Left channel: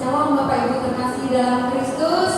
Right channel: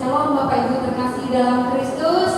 Shalom Bapak Ibu terkasih dalam Kristus.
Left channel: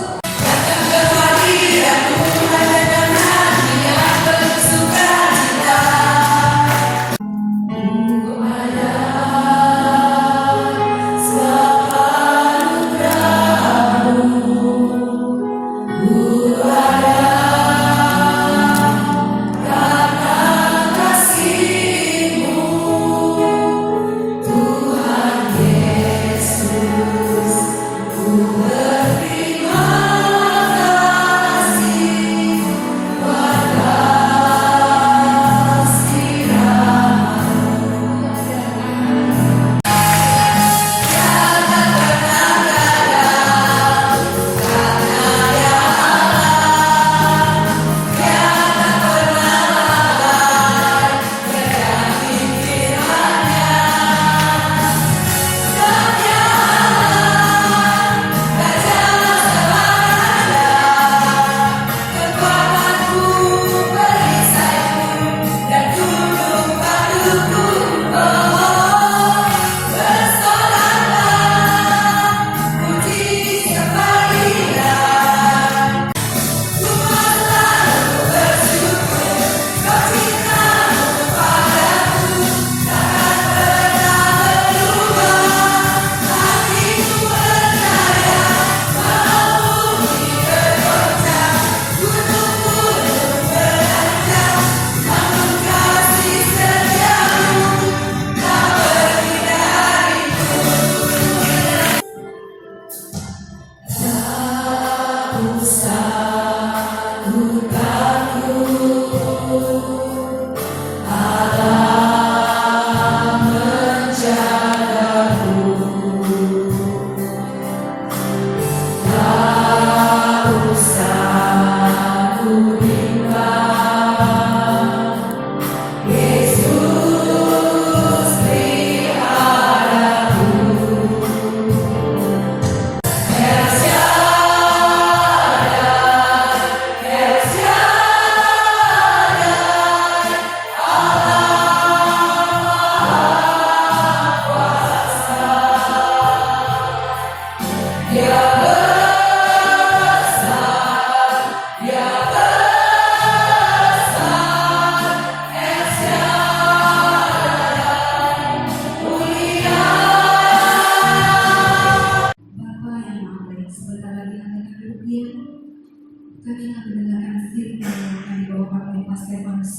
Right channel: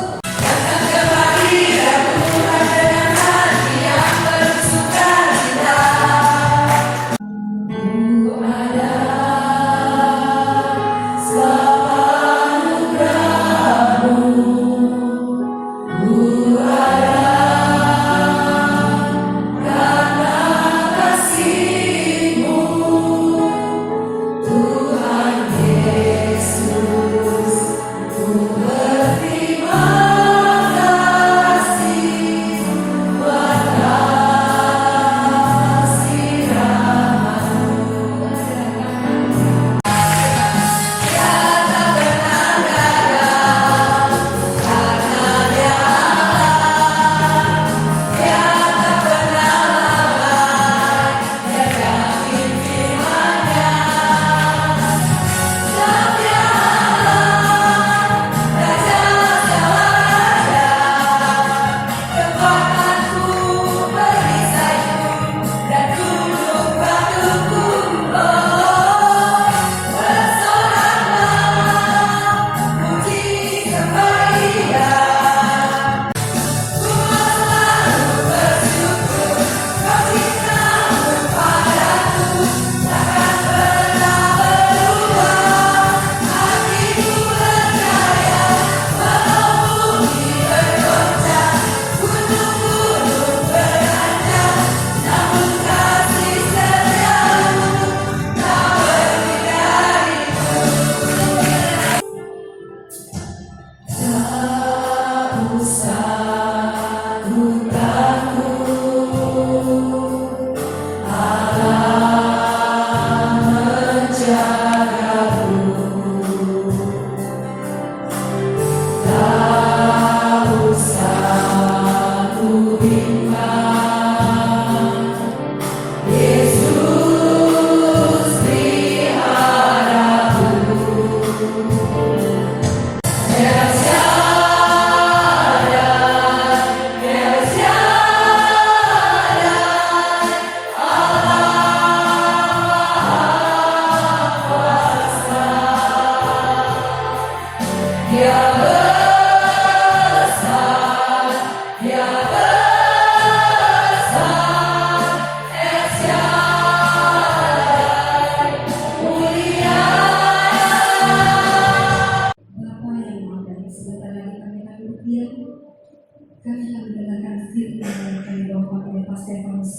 Kami akan mendengarkan firman yang akan dibawakan oleh Pak Stefanus.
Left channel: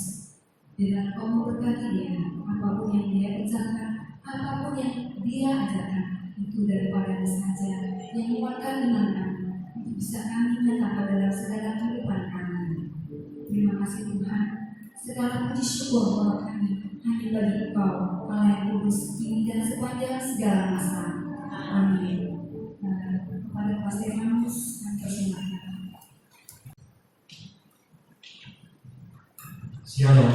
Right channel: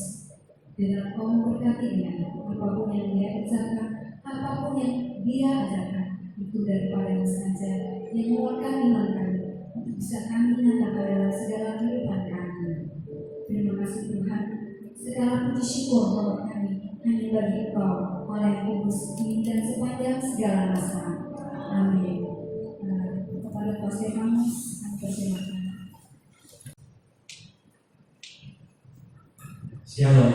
Dengan Kau memberkati dia, apapun yang dia kerjakan, apapun yang dia ajarkan, itu daripada saja yang menguatkan iman kami, untuk bisa kami nyatakan dalam segala kehidupan kami. Terima kasih Tuhan, segala puji syukur bahwa kami hanya bagi Engkau, Allah yang kudus kini dan sepanjang segala masa. Amin. Kepada Pak Stefanus, kami persilakan. Shalom,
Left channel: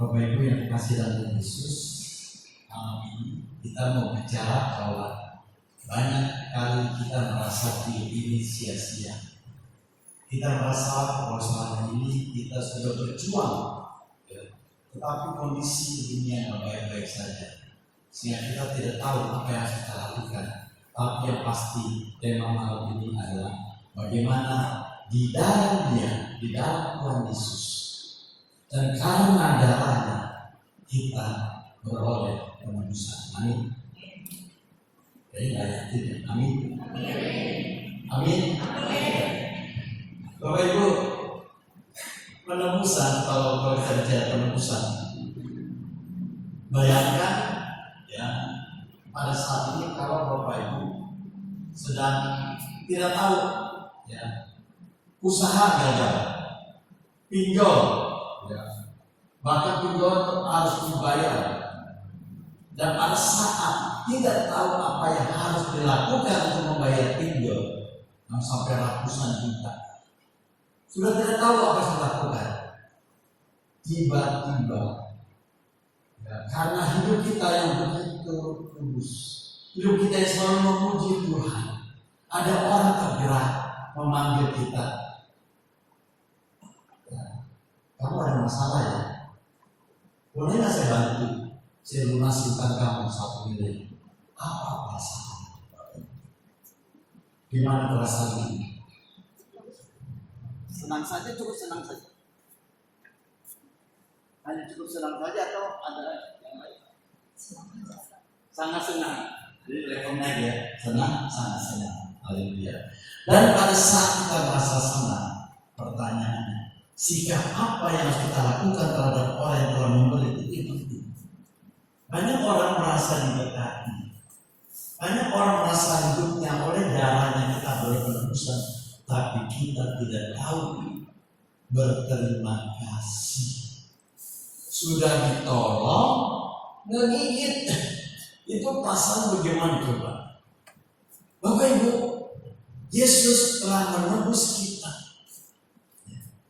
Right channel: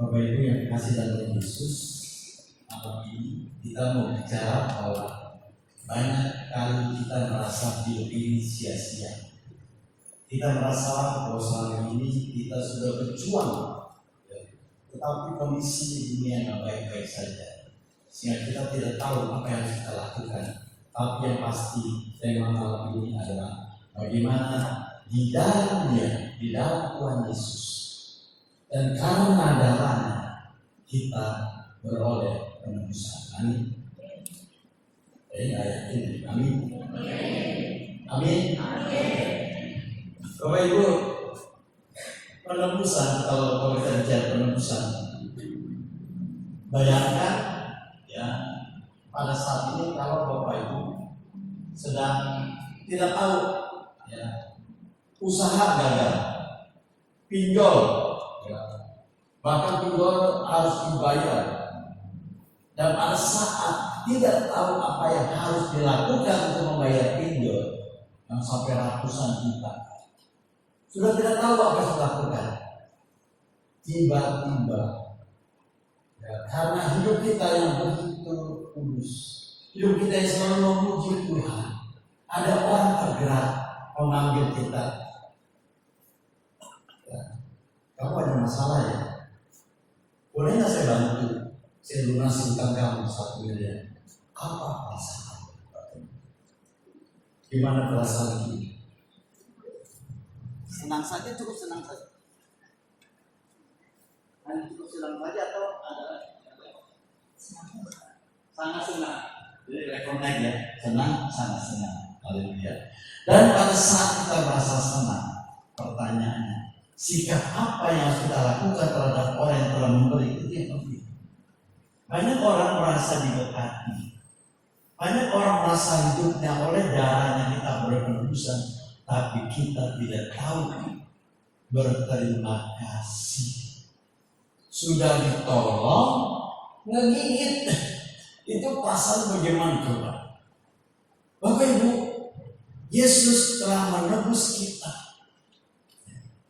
Bapak Ibu yang kasih dalam Yesus. Malam ini kita mau bicara bahwa banyak kali kita merasa hidup ini sia-sia. Kita merasa bahwa selama ini kita sudah berjuang, tetapi kondisi dunia yang baik-baik saja, sehingga kita tidak tahu apa yang harus kita lakukan. Tapi yang pasti tema malam ini adalah bagaimana di dalam Dia, di dalam Tuhan Yesus, dan karena darahnya kita beroleh penebusan. Amin. Jadi ayat ini. Amin. Amin. Bapak Ibu, penebusan, kalau kita bicara penebusan, bayangkan ya, pada saat ini kalau Bapak Ibu sedang tidak tahu ya, usaha gagal, pinjol ya, bahkan pinjol harus dibayar, dan pada saat tidak tahu apa yang harus dilakukan untuk membayar pinjol yang sampai ratusan juta, sudah tidak tahu apa yang harus dilakukan, tiba-tiba ya, karena hidup kita yang begitu kudus, hidup kita yang selalu memuji Tuhan, ada orang tergerak memanggil kita. Kamu ada masalah ya? Boleh nggak saya bantu? Saya lunasi utang kamu 1 miliar. Apa perasaan? Gimana perasaan kita? Senang saja, cukup senang saja. Hanya cukup senang saja atau ada yang lain? Sangat senang. Jadi level naik ya, senang, sangat senang. Haleluya. Dan pada saat kita merasa senang, pertanyaannya, sikap apa yang harus kita lakukan terhadap orang yang telah memberi itu yang penting. Banyak orang merasa diberkati, banyak orang merasa hidupnya oleh darahnya kita berpenebusan, tapi kita tidak tahu berterima kasih. Sudah ditolong, ngegigit. Itu perasaan bagaimana coba? Bapak Ibu, Yesus telah menebus kita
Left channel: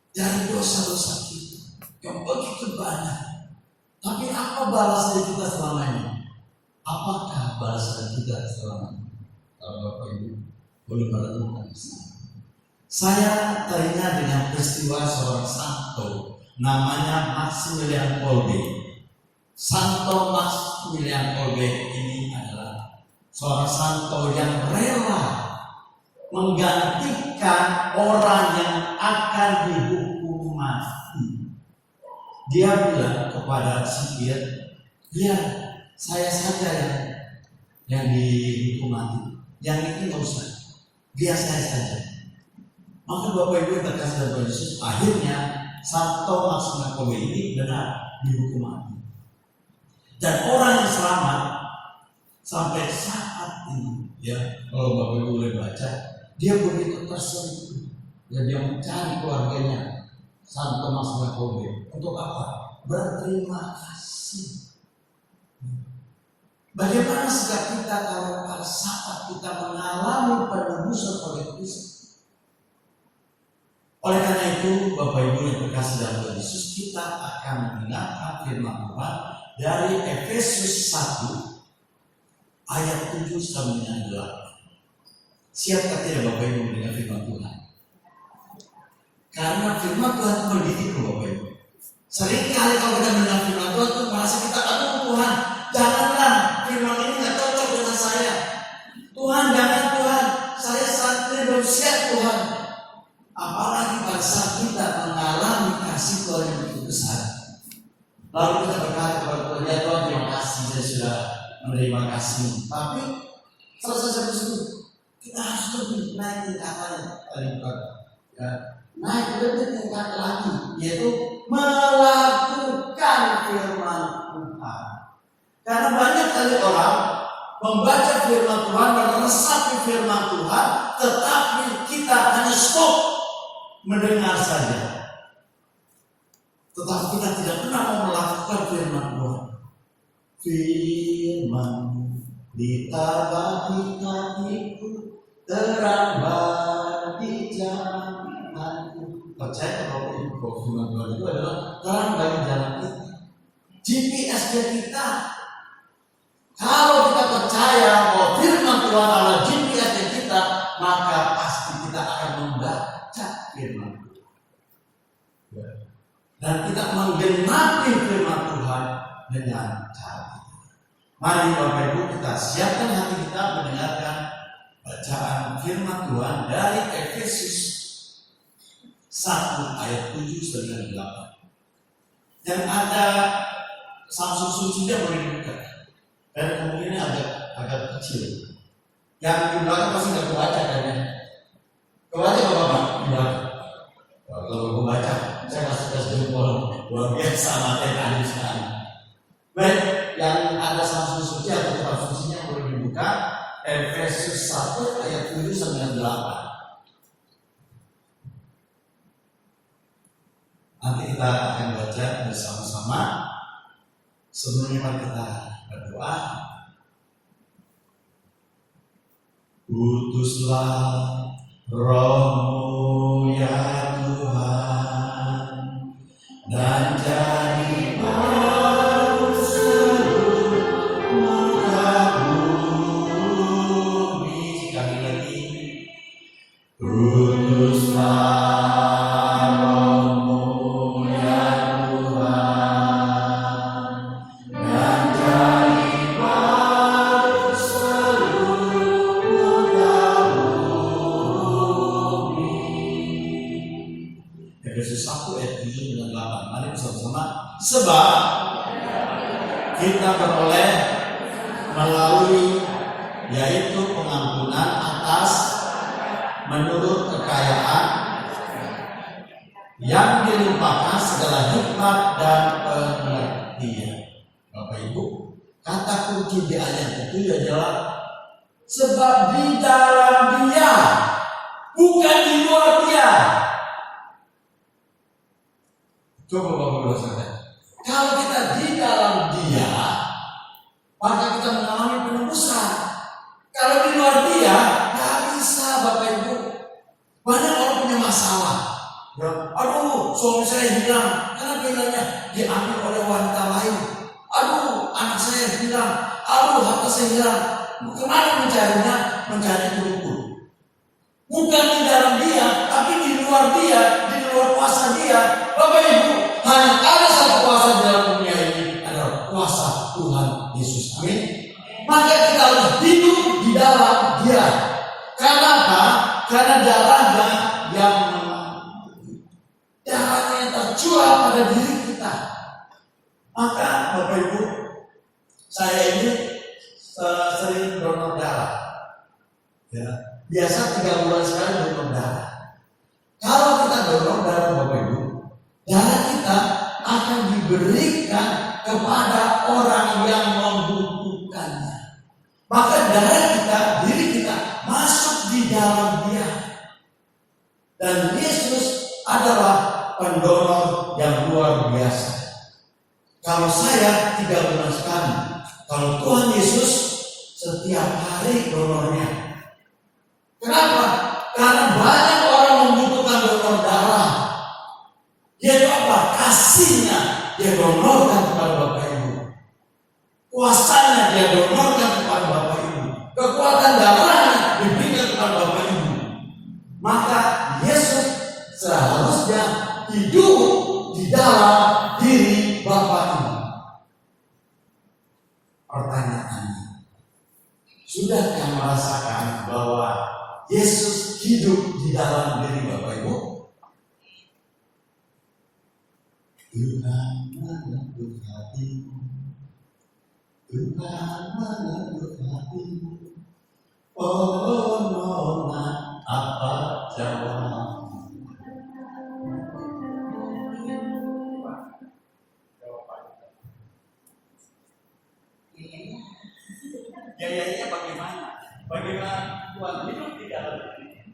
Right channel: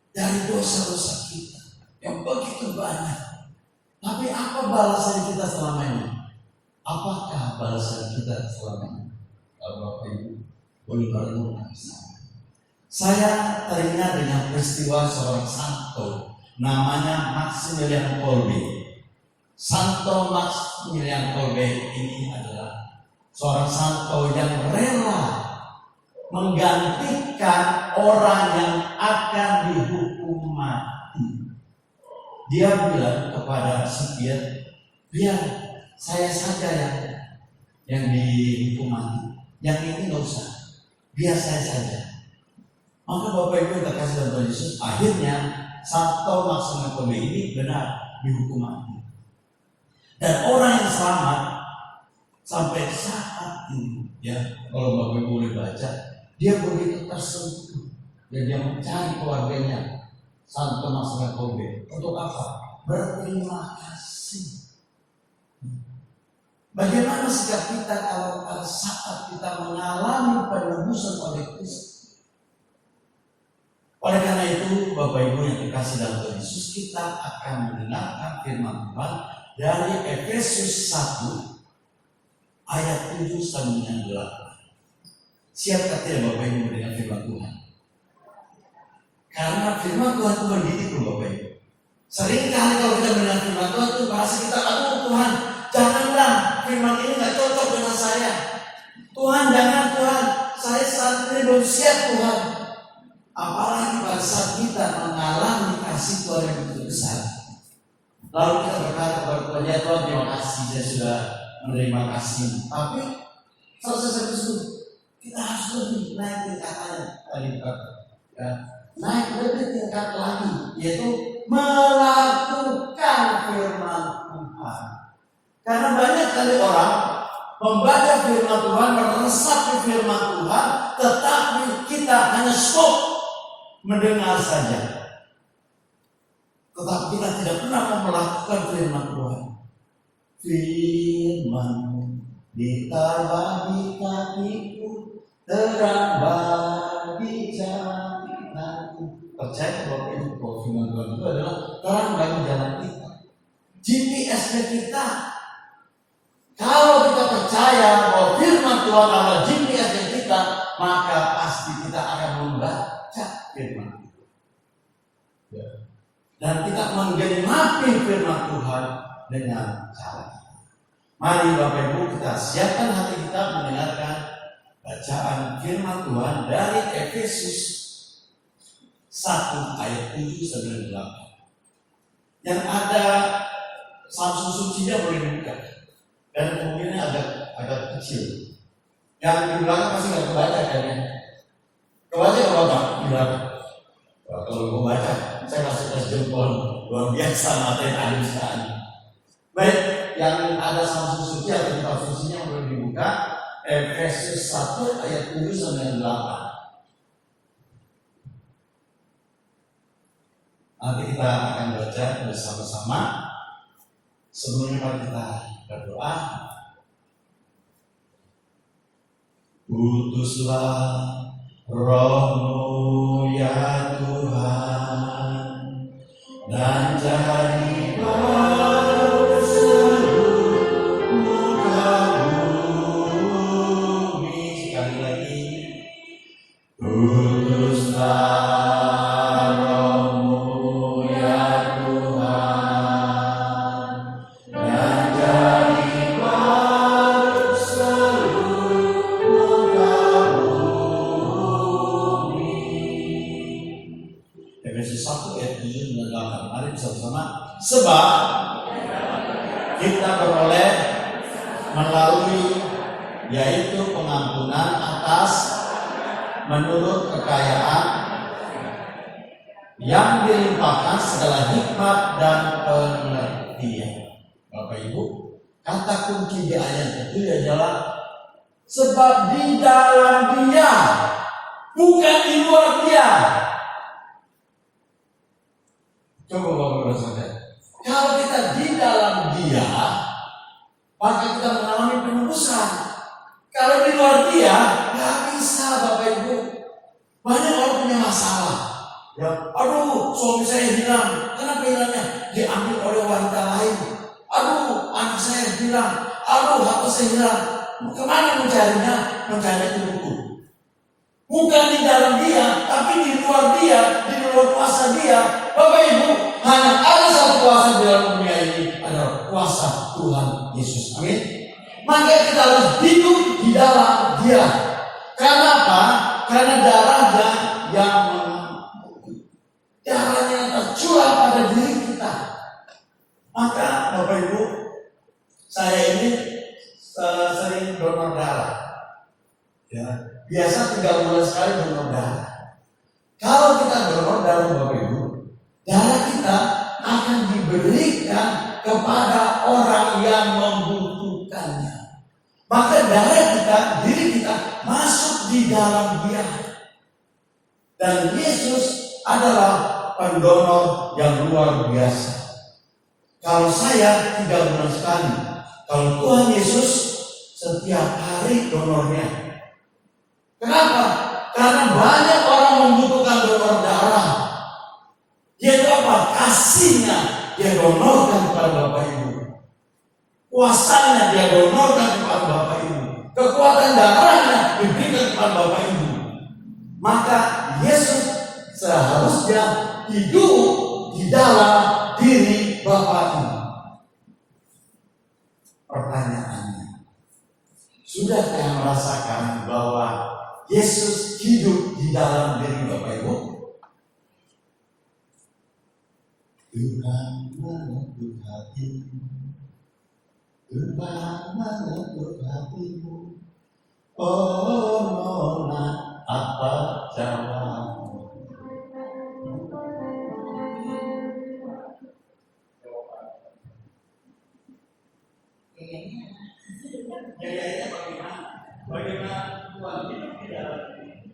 dari dosa-dosa kita yang begitu banyak. Tapi apa balasan kita selama ini? Apakah balasan kita selama ini? Kalau Bapak Ibu boleh merenungkan di sana. Saya teringat dengan peristiwa seorang santo namanya Maximilian Kolbe. Santo Maximilian Kolbe ini adalah seorang santo yang rela menggantikan orang yang akan dihukum mati. Dia bilang kepada sipir, biar saya saja yang dihukum mati, yang ini nggak usah, biar saya saja. Maka Bapak Ibu yang terkasih dalam Tuhan Yesus, akhirnya Santo Maximilian Kolbe ini benar dihukum mati. Dan orang yang selamat sampai saat ini, ya kalau Bapak Ibu boleh baca, dia begitu tersentuh, ya dia mencari keluarganya Santo Maximilian Kolbe untuk apa? Berterima kasih. Bagaimana sikap kita kalau pada saat kita mengalami penebusan oleh Kristus? Oleh karena itu, Bapak Ibu yang terkasih dalam Tuhan Yesus, kita akan mendengarkan firman Tuhan dari Efesus 1 ayat 7 sampai dengan 8. Siapkah tidak Bapak Ibu mendengar firman Tuhan? Karena firman Tuhan itu mendidik Bapak Ibu. Seringkali kalau kita mendengar firman Tuhan itu merasa kita, aduh Tuhan, janganlah firman ini nggak cocok dengan saya. Tuhan, jangan Tuhan, saya saat ini belum siap Tuhan. Apalagi pada saat kita mengalami kasih Tuhan yang begitu besar, lalu kita berkata kepada Tuhan, ya Tuhan terima kasih, saya sudah menerima kasih. Tapi selesai tersebut, kita harus lebih naik tingkatannya. Ya, naik lebih tingkat lagi, yaitu melakukan firman Tuhan. Karena banyak kali orang membaca firman Tuhan, meresapi firman Tuhan, tetapi kita hanya stop mendengar saja. Tetapi kita tidak pernah mau melakukan firman Tuhan. Firman ditabah di kakiku, terang bagi jalanku. Percaya Bapak Ibu bahwa firman Tuhan itu adalah terang bagi jalan kita, GPS-nya kita. Kalau kita percaya bahwa firman Tuhan adalah GPS-nya kita, maka pasti kita akan membaca firman Tuhan. Ya. Dan kita menggenapi firman Tuhan dengan cara kita. Mari Bapak Ibu kita siapkan hati kita mendengarkan bacaan firman Tuhan dari Efesus 1 ayat 7 sampai 8. Yang ada Samsung sucinya boleh dibuka, karena kemungkinannya agak kecil. Yang di belakang pasti nggak kebaca kayaknya. Kebaca Bapak di belakang. Kalau membaca, saya masuk tes jempol luar biasa materi anusan. Baik, yang ada Samsung suci atau kitab sucinya boleh dibuka. Efesus 1 ayat 7 sampai 8. Nanti kita akan baca bersama-sama. Sebelumnya kita berdoa. Utuslah Roh-Mu ya Tuhan, dan jadilah seluruh muka bumi. Sekali lagi, utuslah melalui, yaitu pengampunan atas menurut kekayaan yang dilimpahkan segala hikmat dan pengertian. Bapak Ibu, kata kunci di ayat itu adalah sebab di dalam Dia, bukan di luar Dia. Coba Bapak Ibu saudara, kalau kita di dalam Dia, maka kita mengalami penebusan. Kalau di luar Dia, nggak bisa Bapak Ibu. Banyak orang punya masalah. Ya, aduh, suami saya hilang. Kenapa hilangnya? Diambil oleh wanita lain. Aduh, anak saya hilang. Aduh, harta saya hilang. Kemana mencarinya? Mencari tubuh. Bukan di dalam Dia, tapi di luar Dia, di luar kuasa Dia. Bapak Ibu, hanya ada satu kuasa di dalam dunia ini, adalah kuasa Tuhan Yesus. Amin. Maka kita harus hidup di dalam Dia. Karena apa? Karena darahnya yang tercurah pada diri kita. Maka Bapak Ibu, saya ini sering donor darah. Ya, biasa 3 bulan sekali donor darah. Kalau kita donor darah Bapak Ibu, darah kita akan diberikan kepada orang yang membutuhkannya. Maka darah kita, diri kita masuk di dalam Dia. Dan Yesus adalah pendonor yang luar biasa. Kalau saya 3 bulan sekali, kalau Tuhan Yesus setiap hari donornya. Kenapa? Karena banyak orang membutuhkan donor darah. Dia itu apa? Kasihnya dia donorkan kepada Bapak Ibu. Kuasanya dia donorkan kepada Bapak Ibu. Kekuatan darahnya diberikan kepada Bapak Ibu. Maka Yesus seharusnya hidup di dalam diri Bapak Ibu. Pertanyaannya, sudahkah merasakan bahwa Yesus hidup di dalam diri Bapak Ibu? Tuhan mengetuk hatimu, Tuhan mengetuk hatimu. Oh nona, apa jawabmu? Gayanya bagaimana? Bagaimana Tuhan hidup di dalam diri?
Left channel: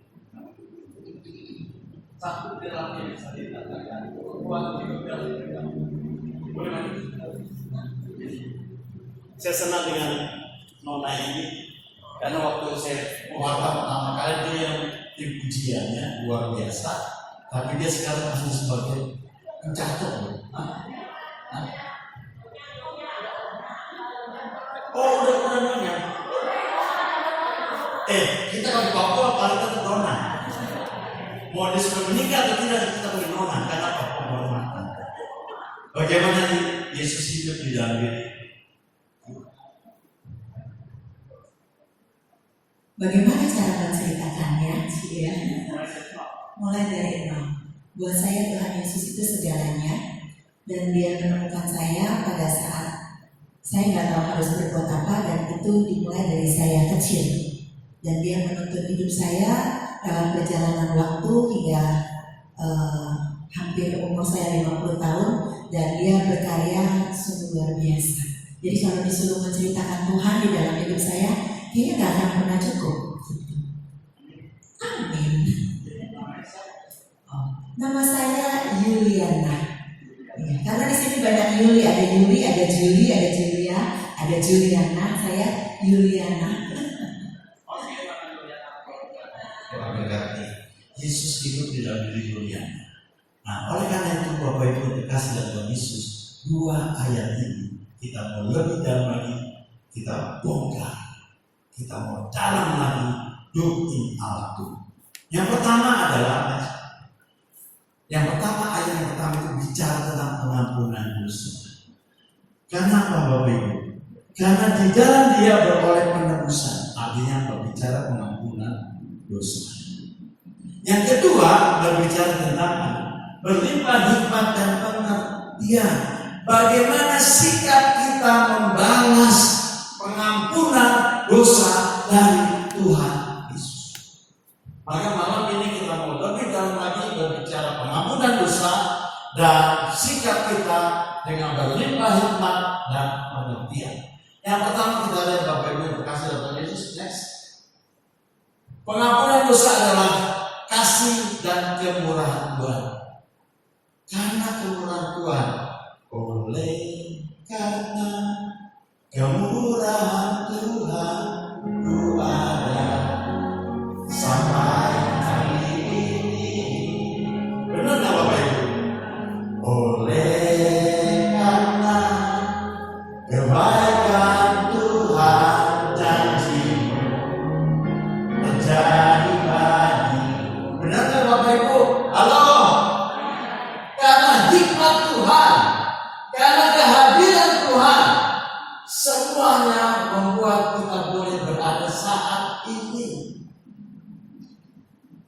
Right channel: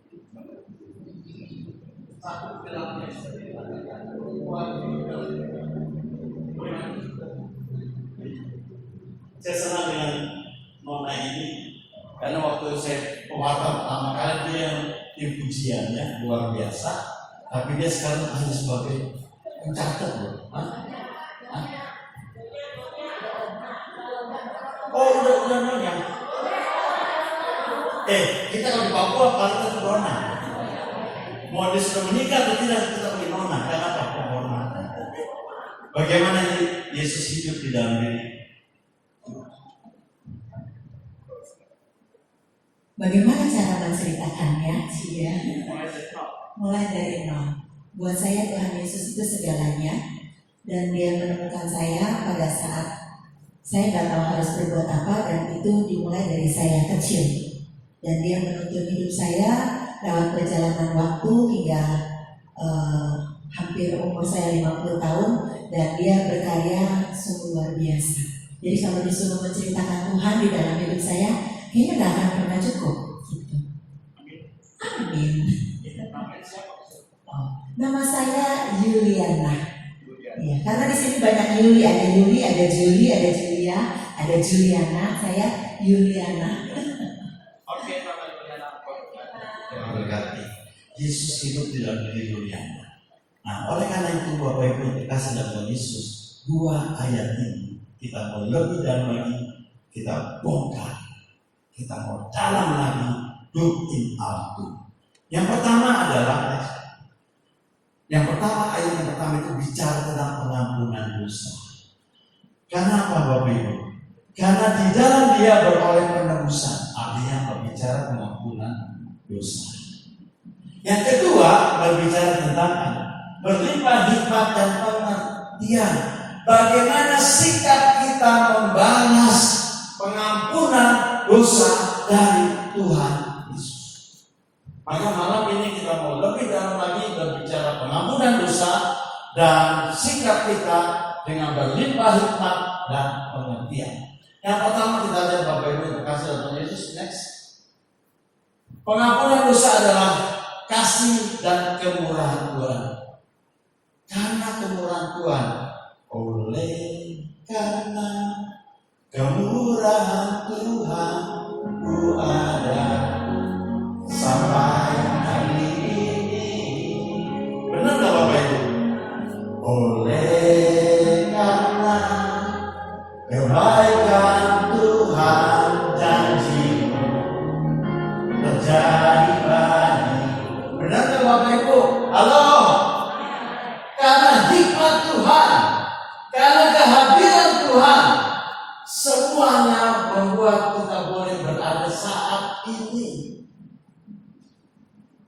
Satu dalam yang sering dikatakan Tuhan hidup dalam diri. Saya senang dengan nona ini karena waktu saya pewarta pertama kali dia yang pujiannya luar biasa, tapi dia sekarang hanya sebagai pencatat loh. Oh udah nona. Kita kalau di Papua paling tetap nona. Mau dia sudah menikah atau tidak kita boleh nona karena apa? Penghormatan. Bagaimana Yesus hidup di dalam diri? Bagaimana cara menceritakannya? Cia? Mulai dari nol. Buat saya Tuhan Yesus itu segalanya, dan Dia menemukan saya pada saat saya nggak tahu harus berbuat apa, dan itu dimulai dari saya kecil. Dan Dia menuntun hidup saya dalam perjalanan waktu hingga hampir umur saya 50 tahun, dan Dia berkarya sungguh luar biasa. Jadi kalau disuruh menceritakan Tuhan di dalam hidup saya, kayaknya nggak akan pernah cukup. Gitu. Amin. Nama saya Yuliana. Ya, karena di sini banyak Yuli, ada Yuli, ada Juli, ada Julia, ada Juliana. Saya Yuliana. Oke, Tuhan berkati. Yesus hidup di dalam diri Yuliana. Nah, oleh karena itu Bapak Ibu terkasih dalam Tuhan Yesus, 2 ayat ini kita mau lebih dalam lagi, kita bongkar. Kita mau dalam lagi doktrin Alkitab. Yang pertama adalah ayat yang pertama itu bicara tentang pengampunan dosa. Karena apa Bapak Ibu? Karena di dalam Dia beroleh penebusan, artinya berbicara pengampunan dosa. Yang kedua berbicara tentang berlimpah hikmat dan pengertian. Bagaimana sikap kita membalas pengampunan dosa dari Tuhan Yesus. Maka malam ini kita mau lebih dalam lagi berbicara pengampunan dosa dan sikap kita dengan berlimpah hikmat dan pengertian. Yang pertama kita lihat Bapak Ibu yang terkasih dalam Tuhan Yesus. Next. Pengampunan dosa adalah kasih dan kemurahan Tuhan. Karena kemurahan Tuhan, oleh karena kemurahan Tuhan ku ada sampai hari ini. Benar nggak Bapak Ibu? Oleh karena kebaikan Tuhan janji-Mu terjadi bagiku. Benar nggak Bapak Ibu? Halo? Karena hikmat Tuhan, karena kehadiran Tuhan, semuanya membuat kita boleh berada saat ini.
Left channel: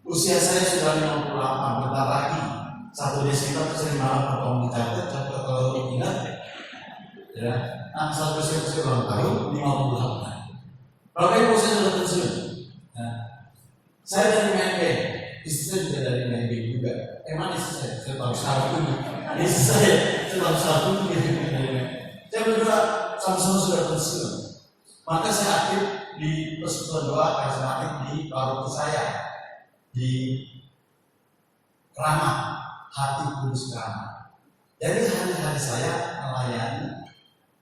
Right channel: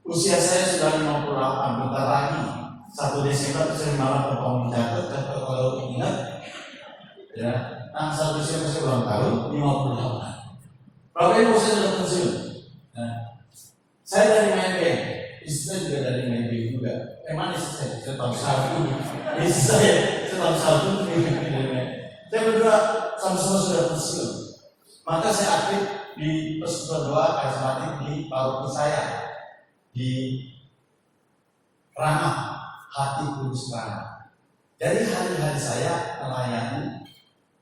Usia saya sudah 58, bentar lagi 1 Desember saya malah bertemu catat kalau ingat ya, tanggal 1 Desember saya ulang tahun 58. Bapak Ibu saya sudah pensiun. Nah, saya dari Maybe, istri saya juga dari Maybe juga. Mana istri saya tahu satu. Istri saya tahu satu. Saya berdua sama-sama sudah pensiun. Maka saya aktif di persekutuan doa karismatik di paroki saya di Ramah, Hati Kudus Ramah. Jadi hari-hari saya melayani,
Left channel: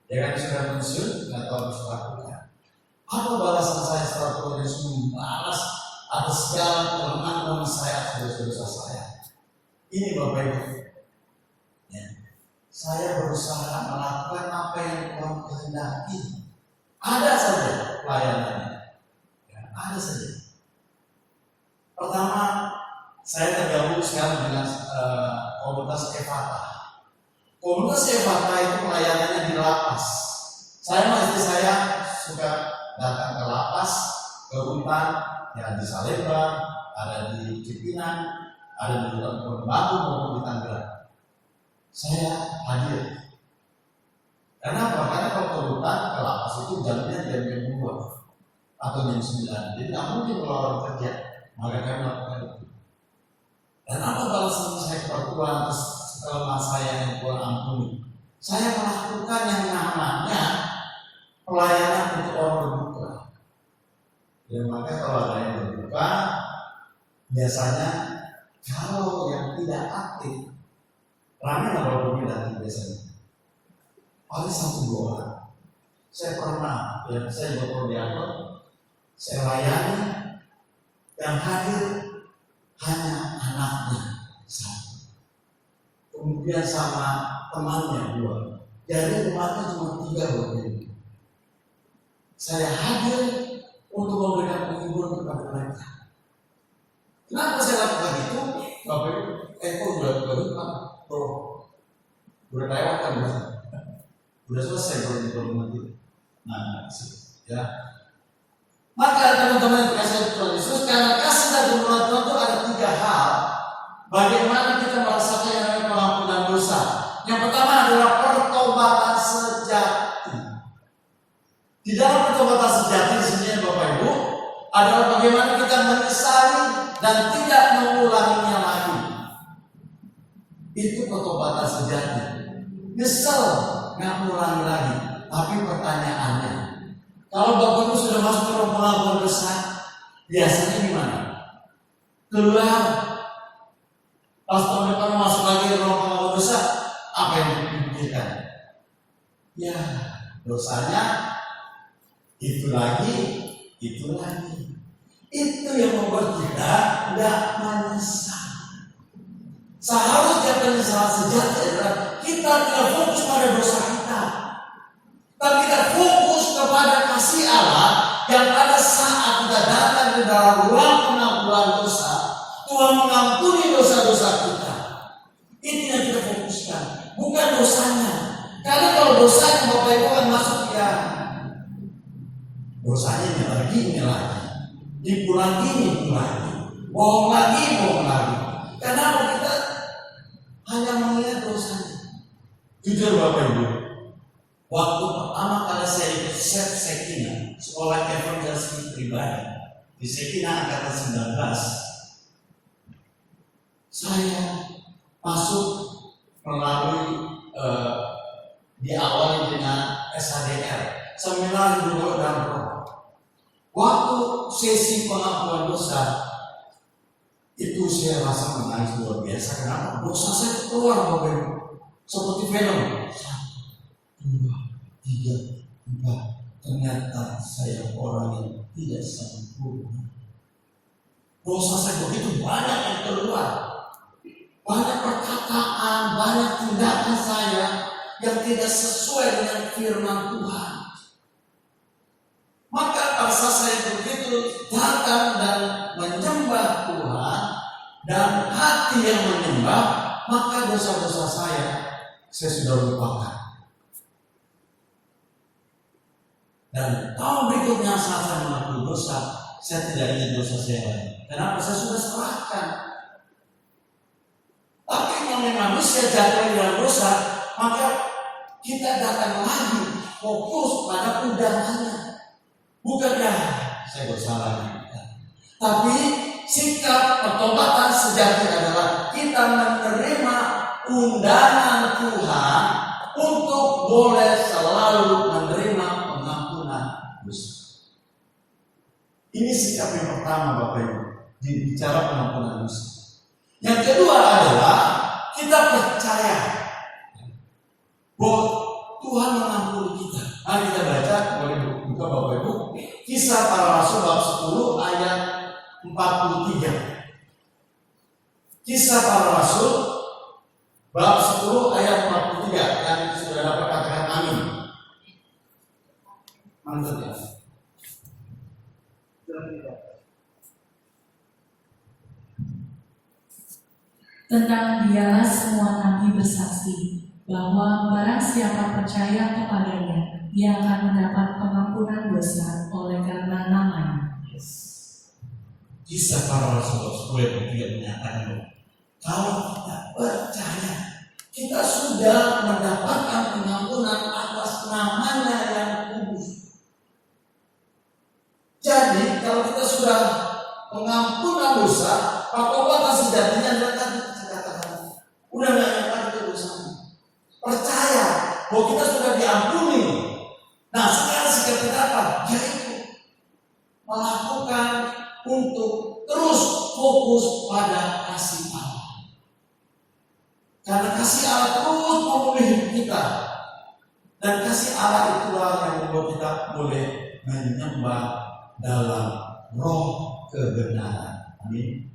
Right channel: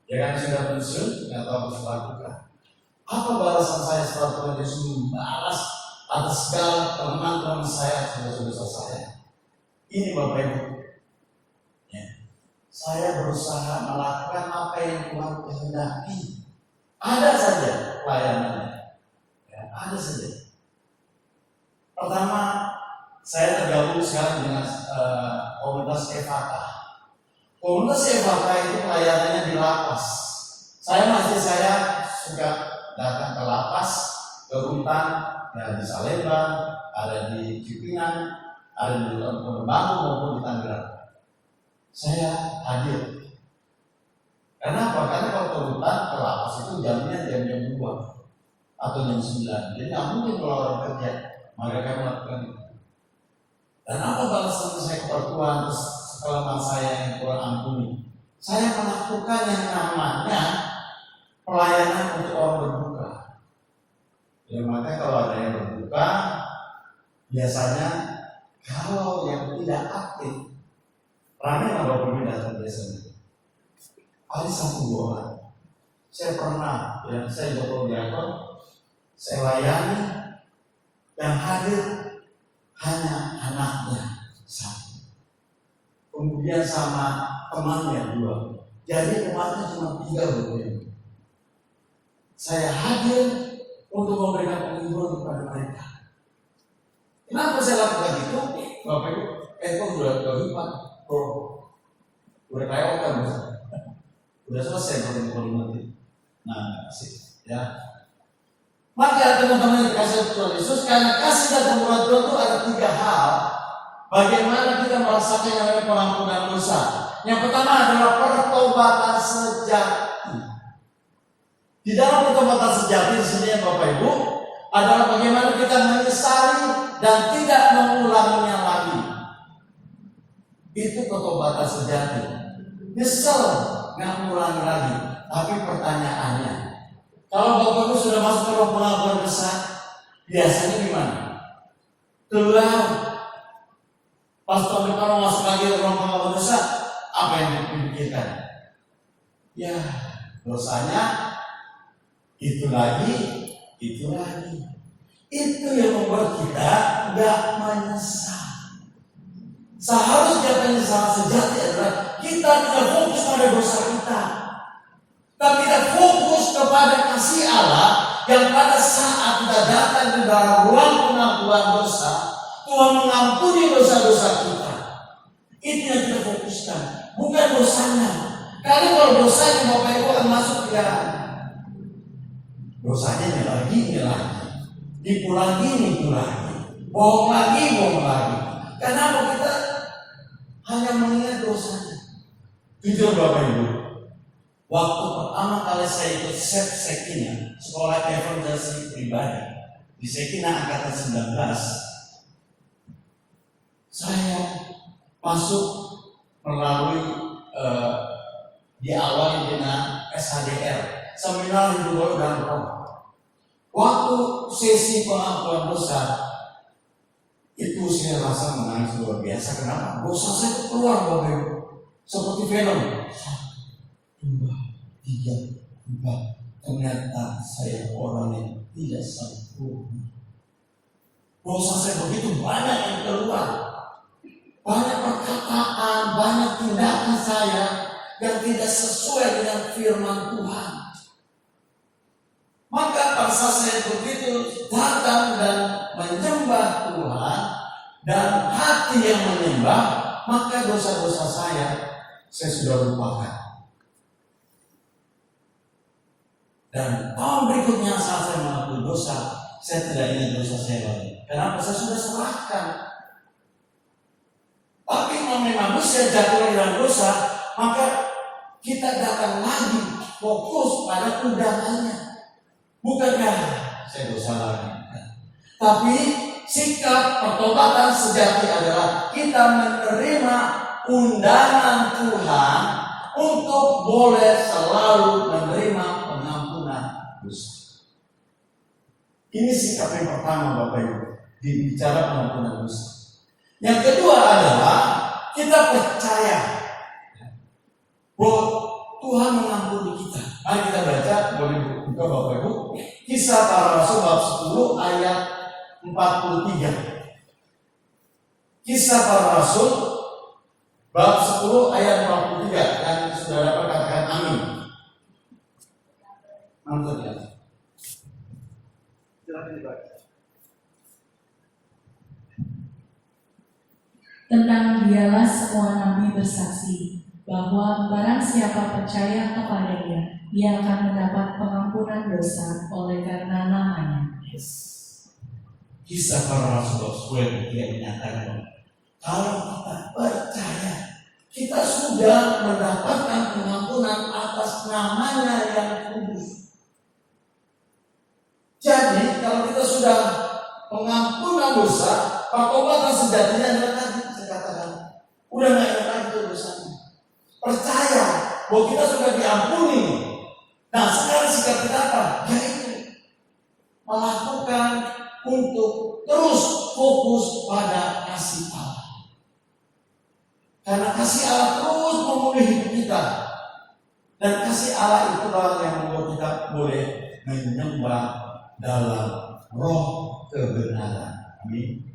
ya kan sudah pensiun, nggak tahu harus lakukan. Apa balasan saya setelah Tuhan Yesus membalas atas segala kelemahan saya, dosa-dosa saya? Ini Bapak Ibu, ya. Saya berusaha melakukan apa yang Tuhan kehendaki. Ada saja pelayanannya, ya, ada saja. Pertama, saya tergabung sekarang dengan komunitas Evata. Komunitas Evata itu pelayanannya di lapas. Saya masih suka datang ke lapas, ke hutan, ya di Salemba, ada di Cipinang, ada di Labuan Batu maupun di Tangerang. Saya hadir. Kenapa? Karena kalau ke hutan, ke lapas itu jamnya jam 2 atau jam 9. Jadi nggak mungkin kalau orang kerja, maka kami melakukan itu. Dan apa balasan saya kepada Tuhan atas kelemahan saya yang Tuhan ampuni? Saya melakukan yang namanya pelayanan untuk orang berbuka. Ya maka kalau ada yang berbuka, biasanya kalau yang tidak aktif, ramai nggak Bapak Ibu datang biasanya? Ada 1-2 orang. Saya pernah, ya saya juga dianggap, saya layani yang hadir hanya anaknya 1. Kemudian sama temannya 2. Jadi temannya cuma 3 Bapak Ibu. Saya hadir untuk memberikan penghiburan kepada mereka. Kenapa saya lakukan itu? Bapak Ibu, kok udah lupa, udah kelewatan udah selesai kalau mati. Nah, sih, ya. Maka teman-teman yang dikasih Tuhan Yesus, karena kasih dan kemurahan Tuhan itu ada 3 hal. Bagaimana kita merasakan yang namanya pengampunan dosa? Yang pertama adalah pertobatan sejati. Di dalam pertobatan sejati di sini Bapak Ibu adalah bagaimana kita menyesali dan tidak mengulanginya lagi. Itu pertobatan sejati. Nyesal, nggak mengulangi lagi. Tapi pertanyaannya, kalau Bapak Ibu sudah masuk ke dalam pengampunan dosa, biasanya gimana? Keluar. Pas tahun depan masuk lagi ke dalam pengampunan dosa, apa yang dipikirkan? Ya, dosanya itu lagi, itu lagi. Itu yang membuat kita nggak menyesal. Seharusnya penyesalan sejati adalah kita tidak fokus pada dosa kita, tapi kita fokus kepada kasih Allah yang pada saat kita datang ke dalam ruang pengampunan dosa, Tuhan mengampuni dosa-dosa kita. Itu yang kita fokuskan, bukan dosanya. Karena kalau dosanya Bapak Ibu akan masuk ya, dosanya ini lagi, nipu lagi, bohong lagi. Kenapa kita hanya mengingat dosanya? Jujur Bapak Ibu, waktu pertama kali saya ikut Sep Sekina, sekolah evangelisasi pribadi di Sekina angkatan 19. Saya masuk melalui diawali dengan SHDR, Seminar Hidup dan Roh. Waktu sesi pengakuan dosa itu saya rasa menangis luar biasa. Kenapa? Dosa saya itu keluar, Bapak Ibu, seperti film. 1, 2, 3, 4. Ternyata saya orang yang tidak sempurna. Dosa saya begitu banyak yang keluar. Banyak perkataan, banyak tindakan saya yang tidak sesuai dengan firman Tuhan. Maka pada saat saya begitu datang dan menyembah Tuhan dan hati yang menyembah, maka dosa-dosa saya sudah lupakan. Dan tahun berikutnya saat saya mengakui dosa, saya tidak ingat dosa saya lagi. Kenapa? Saya sudah serahkan. Tapi yang manusia jatuh dalam dosa, maka kita datang lagi fokus pada undangannya. Bukankah saya dosa lagi? Tapi sikap pertobatan sejati adalah kita menerima undangan Tuhan untuk boleh selalu menerima pengampunan dosa. Ini sikap yang pertama, Bapak Ibu, bicara pengampunan dosa. Yang kedua adalah kita percaya bahwa Tuhan mengampuni kita. Mari kita baca, boleh buka Bapak Ibu, Kisah Para Rasul bab 10 ayat 43. Kisah Para Rasul bab 10 ayat 43. Dan sudah dapat katakan amin. Mantap ya. Silakan dibaca. Tentang dialah semua nabi bersaksi bahwa barang siapa percaya kepadanya, ia akan mendapat pengampunan dosa oleh karena namanya. Kisah Para Rasul bab 10 dia menyatakan kalau kita percaya, kita sudah mendapatkan pengampunan atas namanya yang kudus. Jadi kalau kita sudah pengampunan dosa, pertobatan sejatinya adalah tadi saya katakan, udah nggak ingat itu dosanya. Percaya bahwa kita sudah diampuni. Nah sekarang sikap kita apa? Yaitu melakukan untuk terus fokus pada kasih Allah. Karena kasih Allah terus memulih hidup kita. Dan kasih Allah itulah yang membuat kita boleh menyembah dalam roh kebenaran. Amin.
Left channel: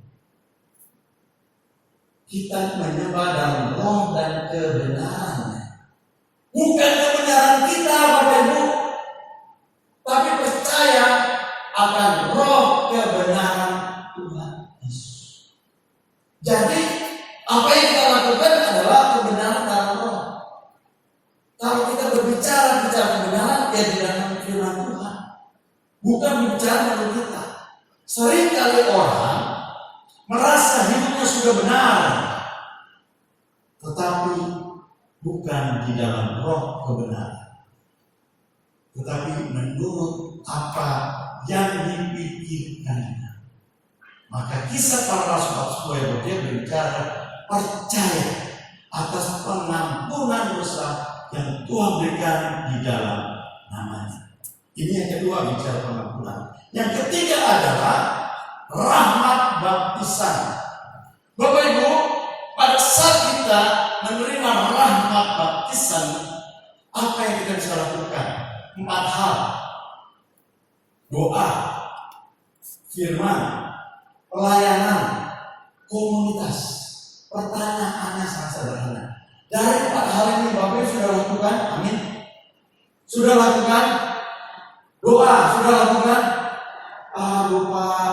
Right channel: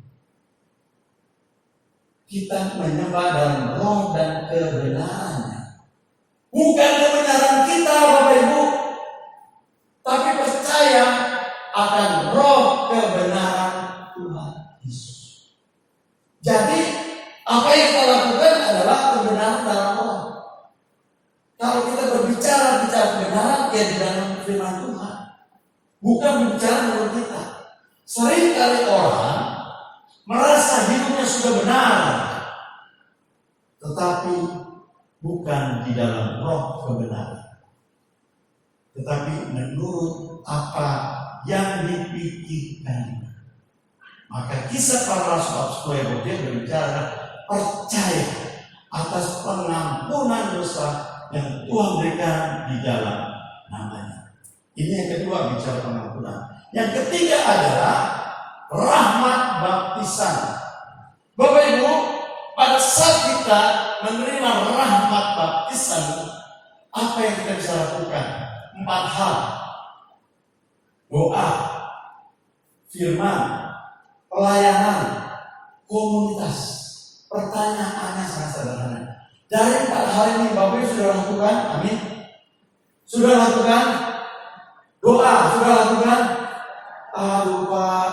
Kita menyembah dalam roh dan kebenaran. Bukan kebenaran kita, Bapak Ibu, tapi percaya akan roh kebenaran Tuhan Yesus. Jadi apa yang kita lakukan adalah kebenaran dalam roh. Kalau kita berbicara kebenaran, ya di dalam firman Tuhan, bukan berbicara menurut kita. Seringkali orang merasa hidupnya sudah benar, tetapi bukan di dalam roh kebenaran, tetapi menurut apa yang dipikirkannya. Maka Kisah Para Rasul bab 10 dia berbicara percaya atas pengampunan dosa yang Tuhan berikan di dalam namanya. Ini yang kedua, bicara pengampunan. Yang ketiga adalah rahmat baptisan. Bapak Ibu, pada saat kita menerima rahmat baptisan, apa yang kita bisa lakukan? 4 hal. Doa, firman, pelayanan, komunitas. Pertanyaannya sangat sederhana. Dari 4 hal ini Bapak Ibu sudah lakukan? Amin. Sudah lakukan? Doa, sudah lakukan? Aduh Pak,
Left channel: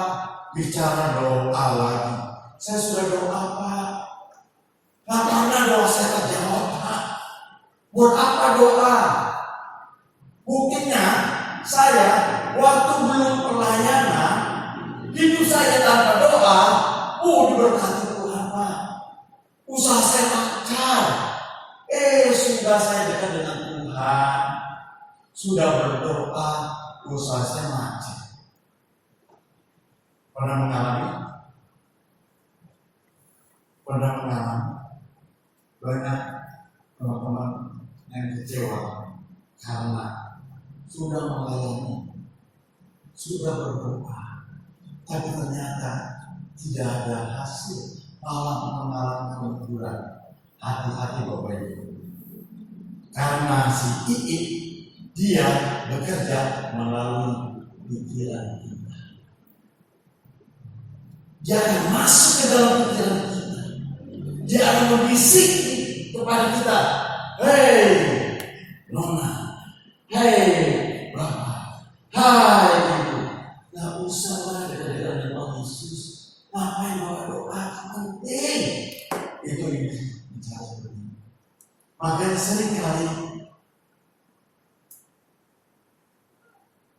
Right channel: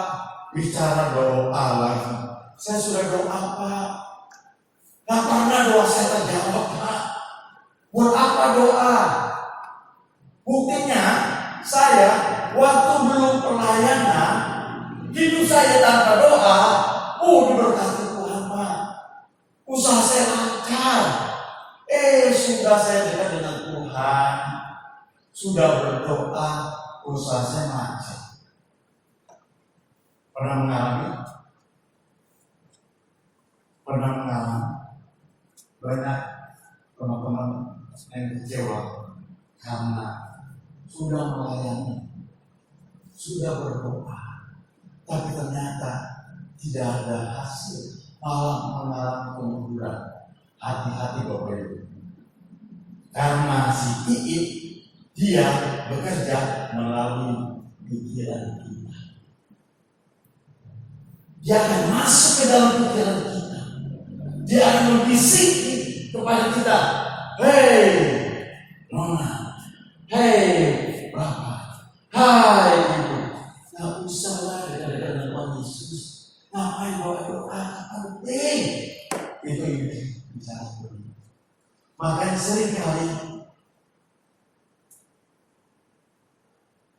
bicara doa lagi. Saya sudah doa Pak, gak pernah doa saya terjawab Pak. Buat apa doa? Buktinya saya waktu belum pelayanan, hidup saya tanpa doa, diberkati Tuhan Pak. Usaha saya lancar. Sudah saya dekat dengan Tuhan, sudah berdoa, usaha saya macet. Pernah mengalami banyak teman-teman yang kecewa karena sudah melayani, sudah berdoa, tapi ternyata tidak ada hasil, malah mengalami kemunduran. Hati-hati Bapak Ibu, karena si Iit dia bekerja melalui pikiran kita. Dia akan masuk ke dalam pikiran kita. Dia akan membisiki kepada kita, hei Nona, hei Bapak, hai Ibu, nggak usah lah dengan Tuhan Yesus. Ngapain bawa doa? Penting. Itu bicara begini. Makanya sering kali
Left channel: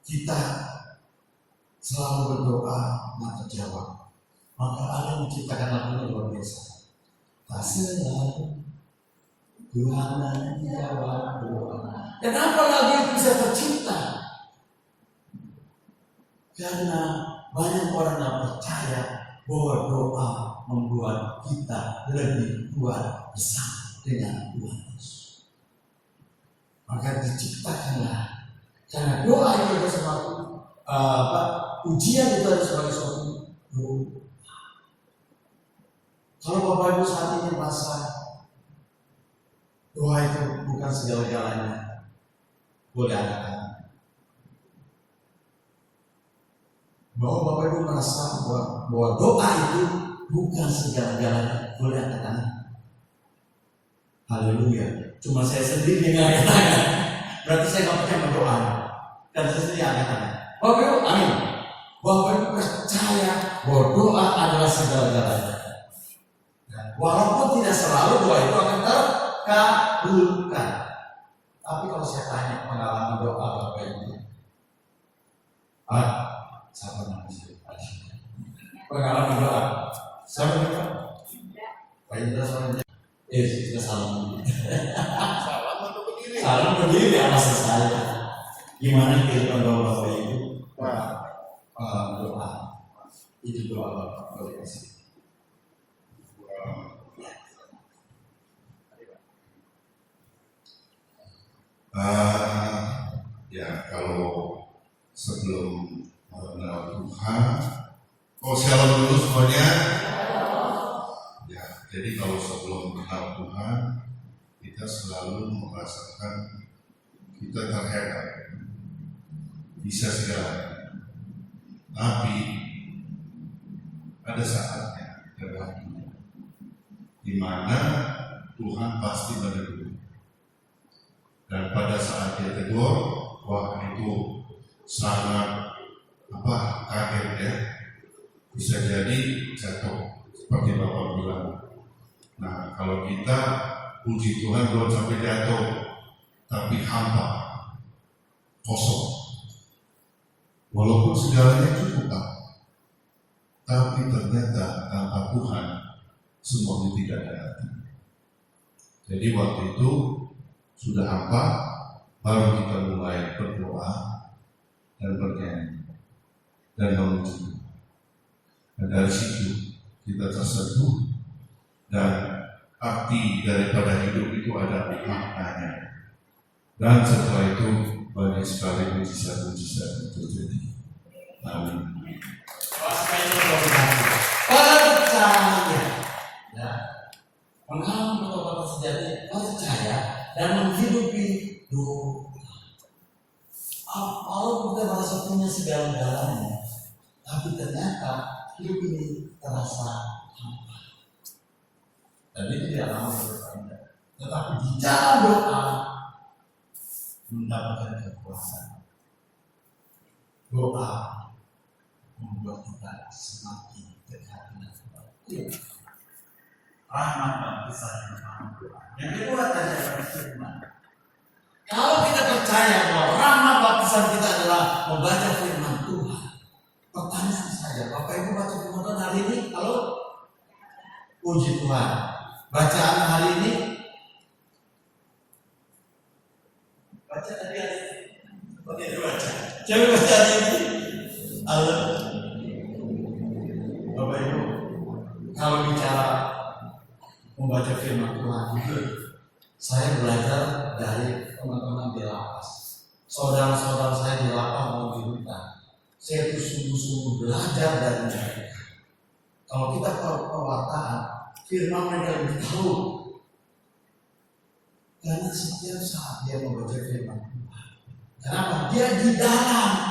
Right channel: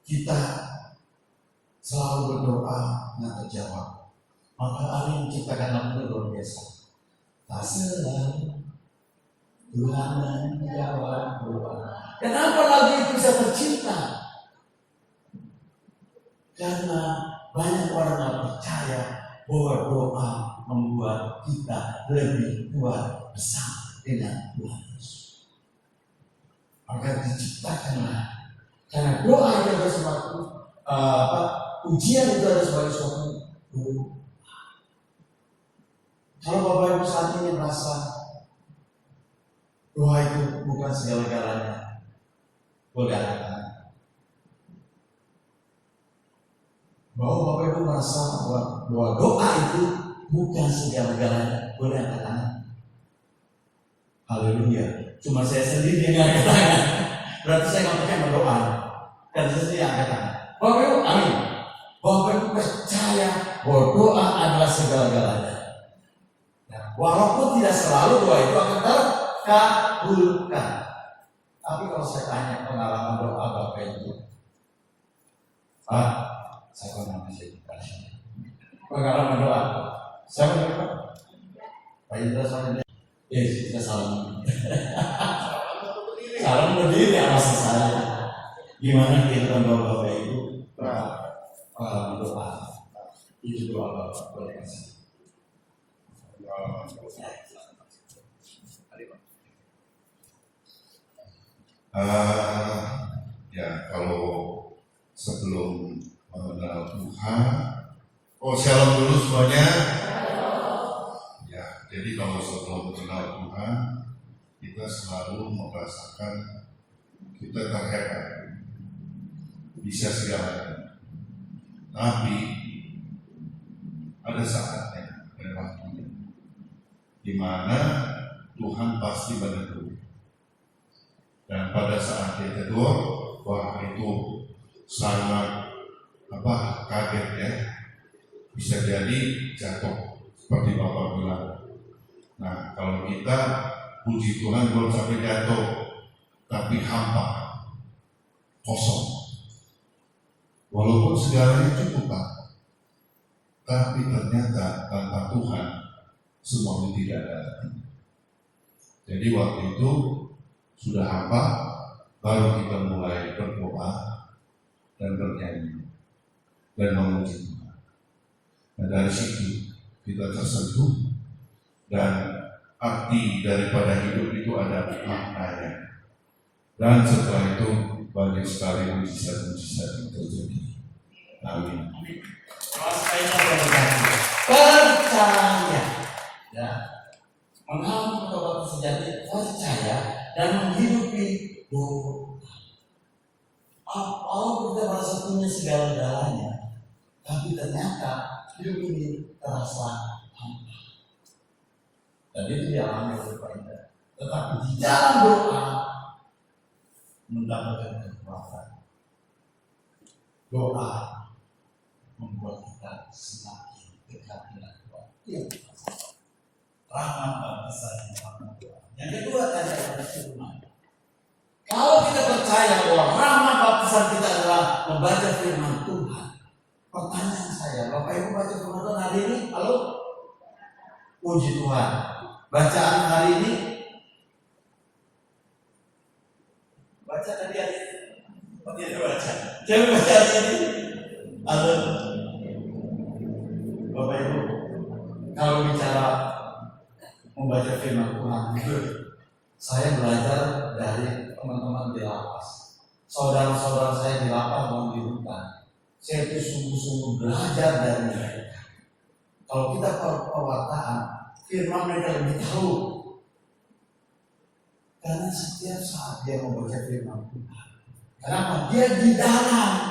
kita selalu berdoa nggak terjawab. Maka Allah yang menciptakan lagu luar biasa. Tak selalu Tuhan menjawab doa. Kenapa lagu itu bisa tercipta? Karena banyak orang yang percaya bahwa doa membuat kita lebih kuat bersama dengan Tuhan Yesus. Maka diciptakanlah. Karena doa itu adalah suatu ujian, itu adalah sebagai suatu doa. Kalau Bapak Ibu saat ini merasa doa itu bukan segala-galanya, boleh angkat tangan. Bahwa Bapak Ibu merasa bahwa doa itu bukan segala-galanya, boleh angkat tangan. Haleluya. Cuma saya sendiri yang angkat tangan. Berarti saya nggak pakai berdoa. Dan saya sendiri angkat tangan. Bapak Ibu, amin. Bapak Ibu percaya bahwa doa adalah segala-galanya. Walaupun tidak selalu doa itu akan terkabulkan. Tapi kalau saya tanya pengalaman doa Bapak Ibu, siapa namanya? Pengalaman doa, siapa doa? Pak Indra soalnya, kita salam. Salam berdiri ya masa saya. Gimana kehidupan Bapak Ibu? Pengalaman doa, itu doa Bapak boleh kasih. Ya kalau sebelum mengenal Tuhan, shalom dulu semuanya. Ya, jadi kalau sebelum mengenal Tuhan, kita selalu merasakan kita terhebat, bisa segalanya. Tapi ada saatnya dan waktunya, di mana Tuhan pasti menegur. Dan pada saat dia tegur, wah itu sangat kaget ya. Bisa jadi jatuh seperti Bapak bilang. Nah kalau kita puji Tuhan belum sampai jatuh, tapi hampa, kosong. Walaupun segalanya cukup Pak, tapi ternyata tanpa Tuhan semuanya tidak ada arti. Jadi waktu itu sudah hampa, baru kita mulai berdoa dan bernyanyi dan memuji Tuhan. Dan dari situ kita tersentuh, dan arti daripada hidup itu ada maknanya. Dan setelah itu banyak sekali mujizat-mujizat yang terjadi. Amin. Percaya, ya, mengalami pertobatan sejati, percaya dan menghidupi doa. Kalau kita merasa punya segala-galanya, tapi ternyata hidup ini terasa hampa. Dan itu dialami oleh Pak Indra. Tetapi di dalam doa mendapatkan kekuasaan. Doa membuat kita semakin dekat dengan Tuhan. Rahmat dan kisah yang pertama doa. Yang kedua tadi adalah firman. Kalau kita percaya bahwa rahmat baptisan kita adalah membaca firman Tuhan, pertanyaan saya, Bapak Ibu baca firman Tuhan hari ini? Halo? Puji Tuhan. Bacaan hari ini? Baca tadi hari ini? Oke, baca. Siapa baca ini? Halo, Bapak Ibu, kalau bicara membaca firman Tuhan itu, saya belajar dari teman-teman di lapas. Saudara-saudara saya di lapas mau di hutan. Saya itu sungguh-sungguh belajar dari mereka. Kalau kita pewartaan, firman mereka lebih tahu. Karena setiap saat dia membaca firman Tuhan. Kenapa? Dia di dalam,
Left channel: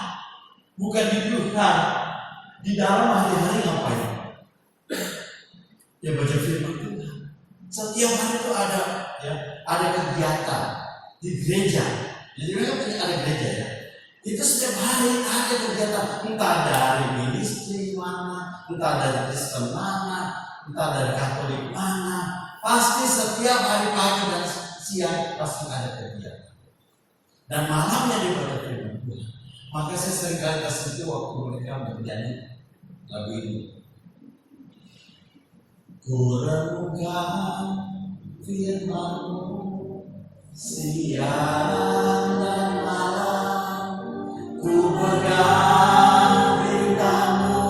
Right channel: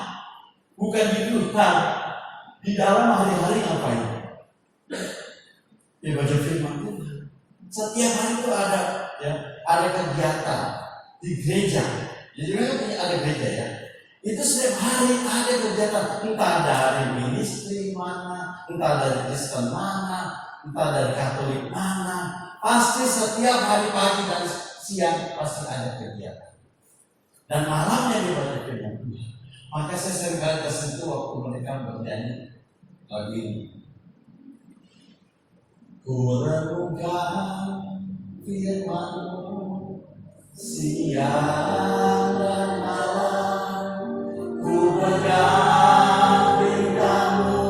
bukan di luar. Di dalam hari-hari ngapain? Dia baca firman Tuhan. Setiap hari itu ada kegiatan di gereja. Jadi mereka punya ada gereja ya. Itu setiap hari ada kegiatan, entah dari ministry mana, entah dari Kristen mana, entah dari Katolik mana. Pasti setiap hari pagi dan siang pasti ada kegiatan. Dan malamnya dibaca firman Tuhan. Maka saya seringkali tersentuh waktu mereka bernyanyi lagu ini. Ku renungkan firman-Mu siang dan malam, ku pegang perintah-Mu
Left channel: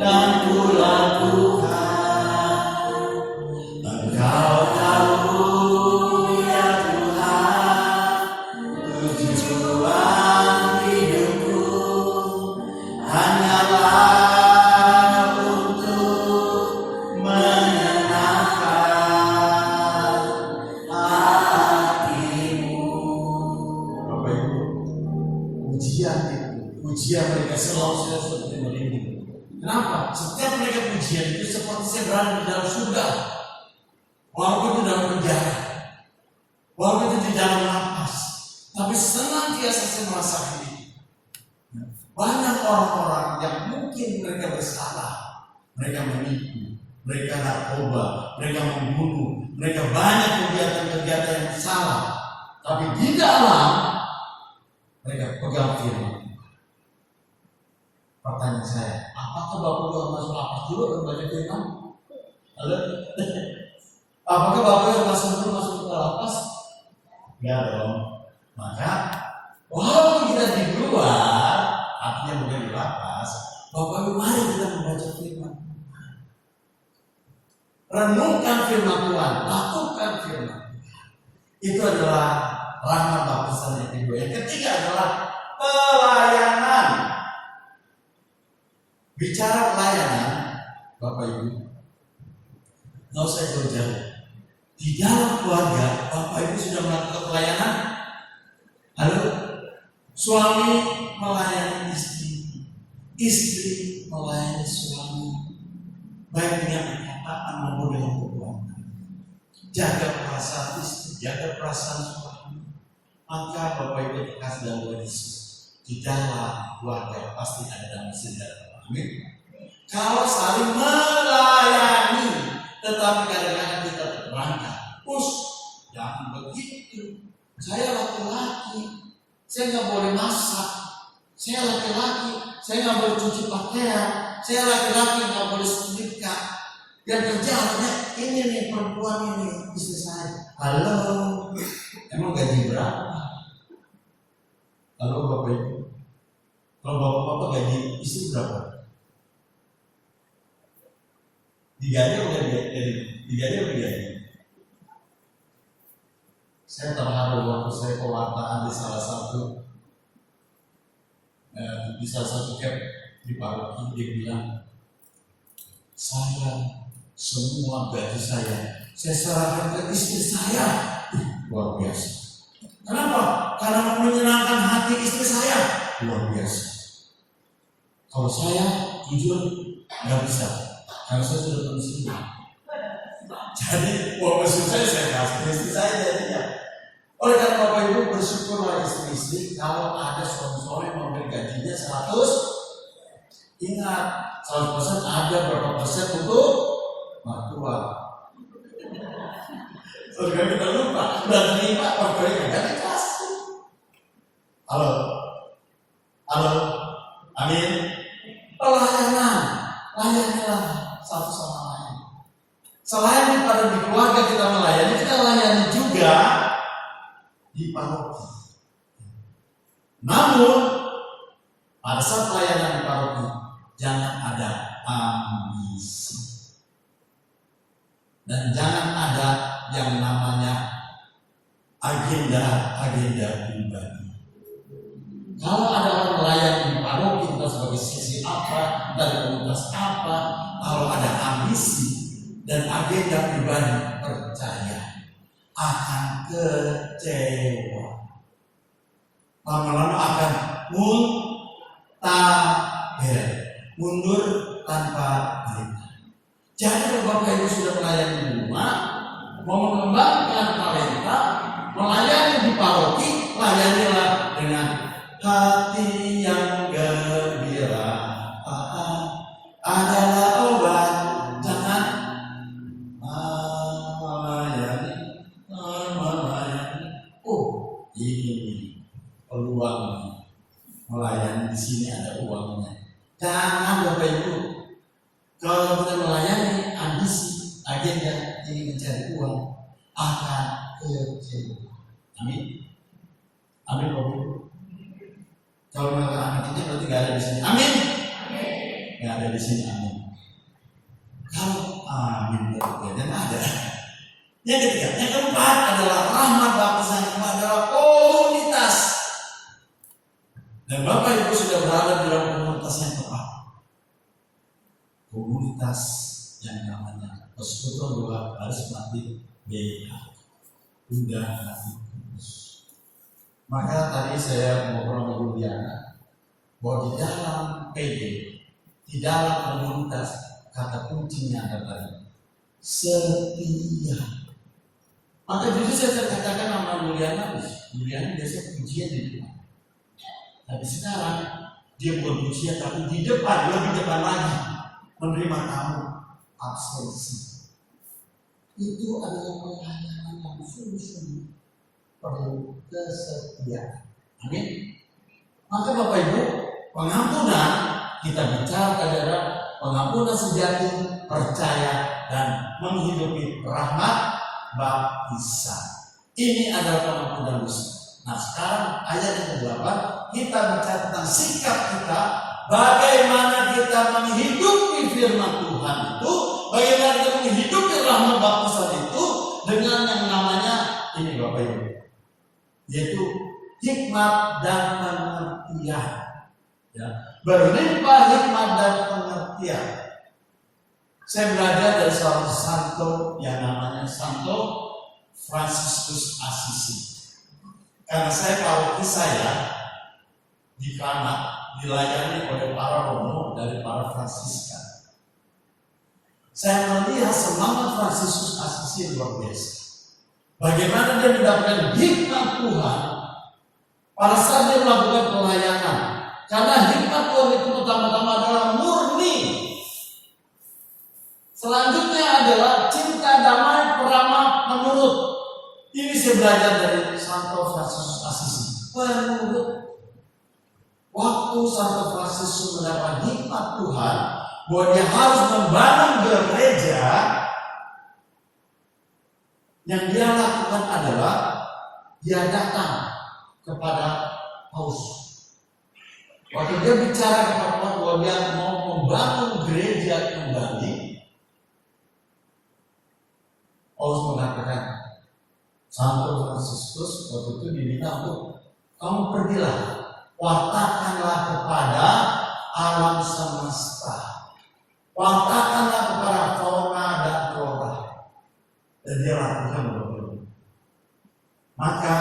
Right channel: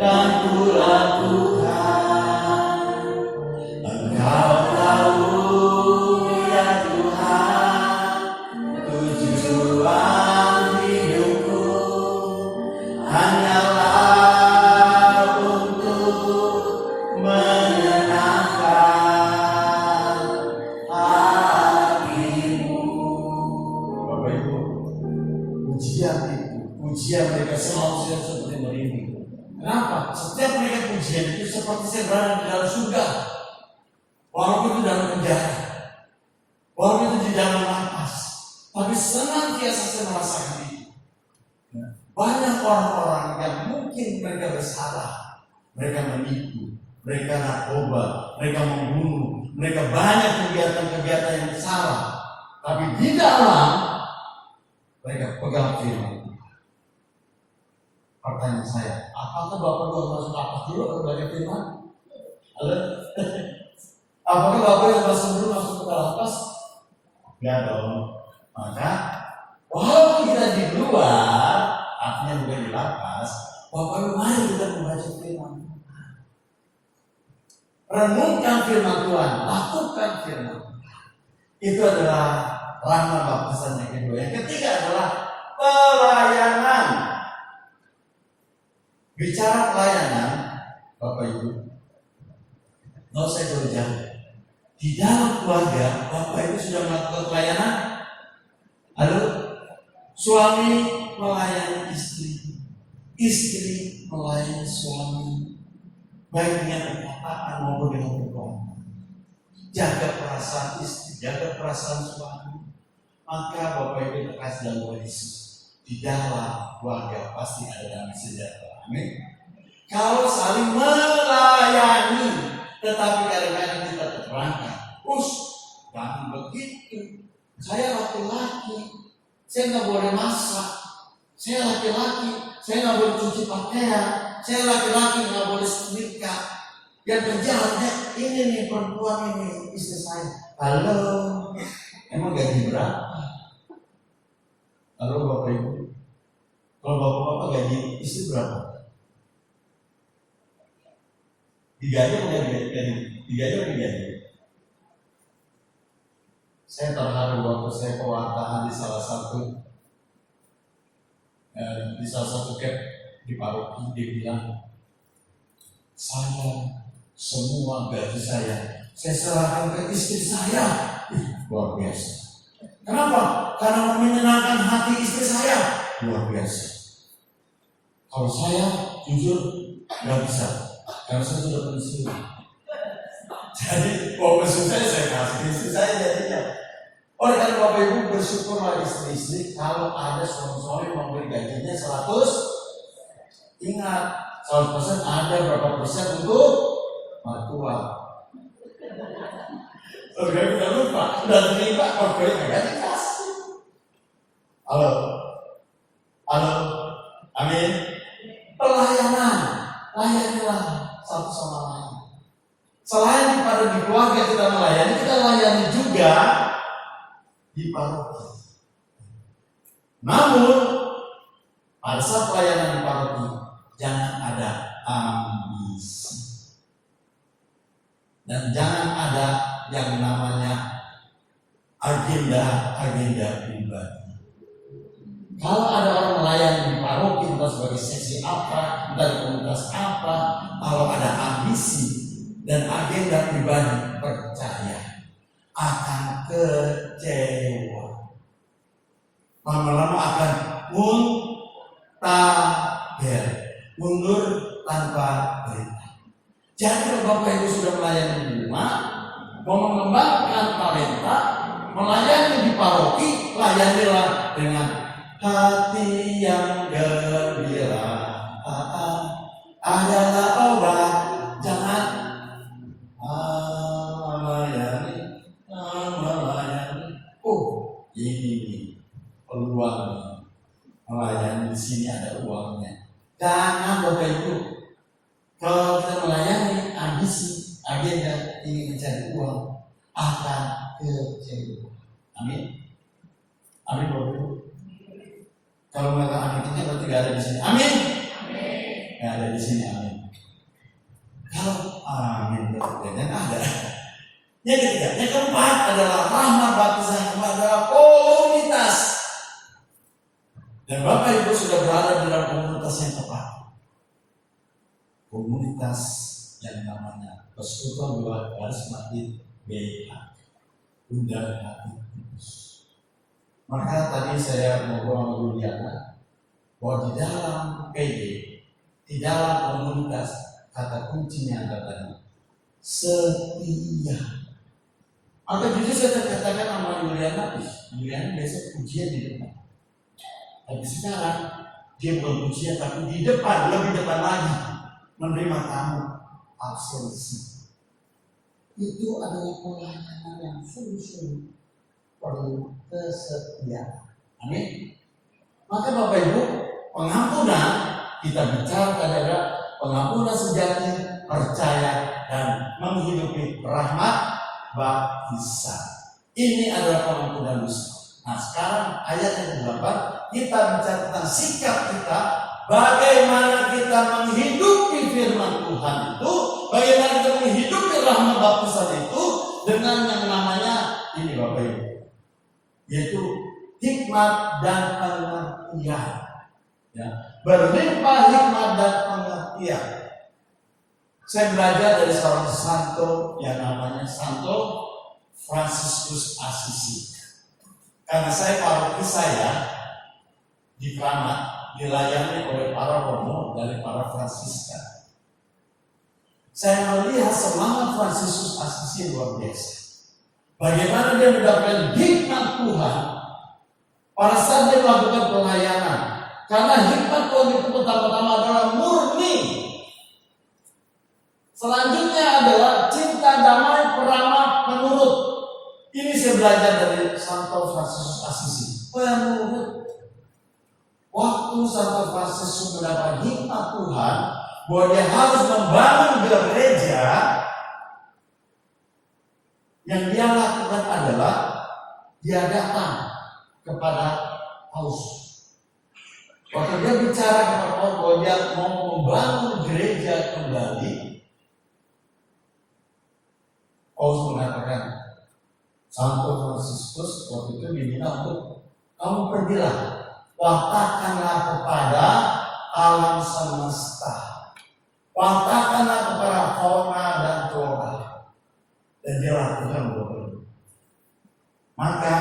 dan ku lakukan. Engkau tahu ya Tuhan, tujuan hidupku hanyalah untuk menyenangkan hatimu. Bapak Ibu, pujian mereka selalu seperti merinding. Kenapa? Setiap mereka pujian itu seperti saya berada di dalam surga. Walaupun itu dalam penjara, walaupun itu di dalam lapas, tapi senantiasa saya merasakan itu. Banyak orang-orang yang mungkin mereka bersalah, mereka menipu, mereka narkoba, mereka membunuh, mereka banyak kegiatan-kegiatan yang salah. Tapi di dalam mereka pegang firman. Pertanyaan saya, apakah Bapak Ibu masuk lapas dulu atau baca firman? Halo? Apakah Bapak yang masuk ke lapas? Enggak dong. Maka walaupun kita di luar, artinya bukan di lapas, Bapak Ibu mari kita membaca firman Tuhan. Renungkan firman Tuhan, lakukan firman Tuhan. Itu adalah rahmat baptisan yang kedua. Yang ketiga adalah pelayanan. Bicara pelayanan, Bapak Ibu, nggak usah jauh-jauh. Di dalam keluarga, Bapak Ibu sudah melakukan pelayanan. Halo, suami melayani istri, istri melayani suami, baik dengan perkataan maupun dengan perbuatan. Jaga perasaan istri, jaga perasaan suami. Maka Bapak Ibu terkasih dalam Yesus, di dalam keluarga pasti ada damai sejahtera. Amin. Kalau saling melayani, tetapi kadang-kadang kita terperangkap. Jangan begitu. Saya laki-laki, saya nggak boleh masak. Saya laki-laki, saya nggak boleh cuci pakaian. Saya laki-laki nggak boleh setrika. Yang kerjanya ini nih perempuan ini istri saya. Halo, emang gaji berapa? Halo Bapak Ibu, kalau bapak-bapak gaji istri berapa? Digaji atau digaji? Saya terharu waktu saya pewartaan di salah satu cap di paroki. Dia bilang, saya semua gaji saya serahkan ke istri saya. Luar biasa. Kenapa? Karena menyenangkan hati istri saya. Luar biasa. Kalau saya jujur nggak bisa, karena saya sudah pensiun. Jadi pensiun saya kasih istri saya jadinya. Oleh karena Bapak Ibu bersyukurlah istri-istri kalau ada suami-suami memberi gajinya 100. Ingat, 100% ada berapa persen untuk mertua. Saudara kita lupa, udah terima ordernya nggak dikasih. Halo, amin. Pelayanan, layanilah satu sama lain. Selain daripada di keluarga kita melayani, kita layani juga di paroki. Namun pada saat pelayanan paroki jangan ada ambisi dan jangan ada yang namanya agenda pribadi. Kalau ada orang melayani di paroki entah sebagai sesi apa, dari komunitas apa, kalau ada ambisi dan agenda pribadi, percaya akan kecewa. Lama-lama akan mundur tanpa perintah. Jadi kalau Bapak Ibu sudah melayani di rumah, mau mengembangkan talenta, melayani di paroki, layanilah dengan hati yang gembira adalah obat. Jangan melayani. Oh, ini peluang melayani, di sini ada uangnya. Jangan Bapak Ibu, kalau kita melayani ambisi, agenda ingin mencari uang, akan kecewa. Amin. Amin Bapak Ibu. Kalau mengatakan aminnya berarti gak ada di sini. Amin. Gak ada di sini. Amin. Kalau amin berarti dan ada. Yang ketiga, yang keempat adalah rahmat baptisan. Yang keempat adalah komunitas. Dan Bapak Ibu sudah berada di dalam komunitas yang tepat. Komunitas yang namanya Persekutuan Dua Baris Mati BH. Bunda Hati Kudus. Maka tadi saya ngobrol sama Juliana bahwa di dalam PD, di dalam komunitas, kata kuncinya ada tadi setia. Maka jujur saya terkatakan sama Juliana biasa pujian di depan. Tapi sekarang dia bukan pujian tapi di depan, lebih depan lagi menerima tamu absensi. Itu adalah pelayanan yang sungguh-sungguh perlu kesetiaan. Amin. Maka Bapak Ibu, pengampunan kita bicara adalah pengampunan sejati, percaya dan menghidupi rahmat baptisan. Ini adalah pengampunan dosa. Nah sekarang ayat yang ke-8 kita bicara tentang sikap kita, bagaimana kita menghidupi firman Tuhan itu, bagaimana kita menghidupi rahmat baptisan itu dengan yang namanya ini Bapak Ibu, yaitu hikmat dan pengertian. Ya, berlimpah hikmat dan pengertian. Saya belajar dari seorang santo yang namanya Santo Fransiskus Assisi. Karena saya paroki saya di Kramat dilayani oleh para romo dari para Fransiskan. Saya melihat semangat Fransiskus Assisi luar biasa. Bagaimana dia mendapatkan hikmat Tuhan pada saat dia melakukan pelayanan. Karena hikmat Tuhan itu pertama-tama adalah murni. Selanjutnya adalah cinta damai peramah penurut. Ini saya belajar dari Santo Fransiskus Assisi. Penurut. Waktu Santo Fransiskus mendapat hikmat Tuhan bahwa dia harus membangun gereja, yang dia lakukan adalah dia datang kepada Paus. Waktu dia bicara kepada Paus bahwa dia mau membangun gereja kembali, Paus mengatakan, Santo Fransiskus waktu itu diminta untuk kamu pergilah, wartakanlah kepada alam semesta, wartakanlah kepada fauna dan flora. Dan dia lakukan beberapa. Maka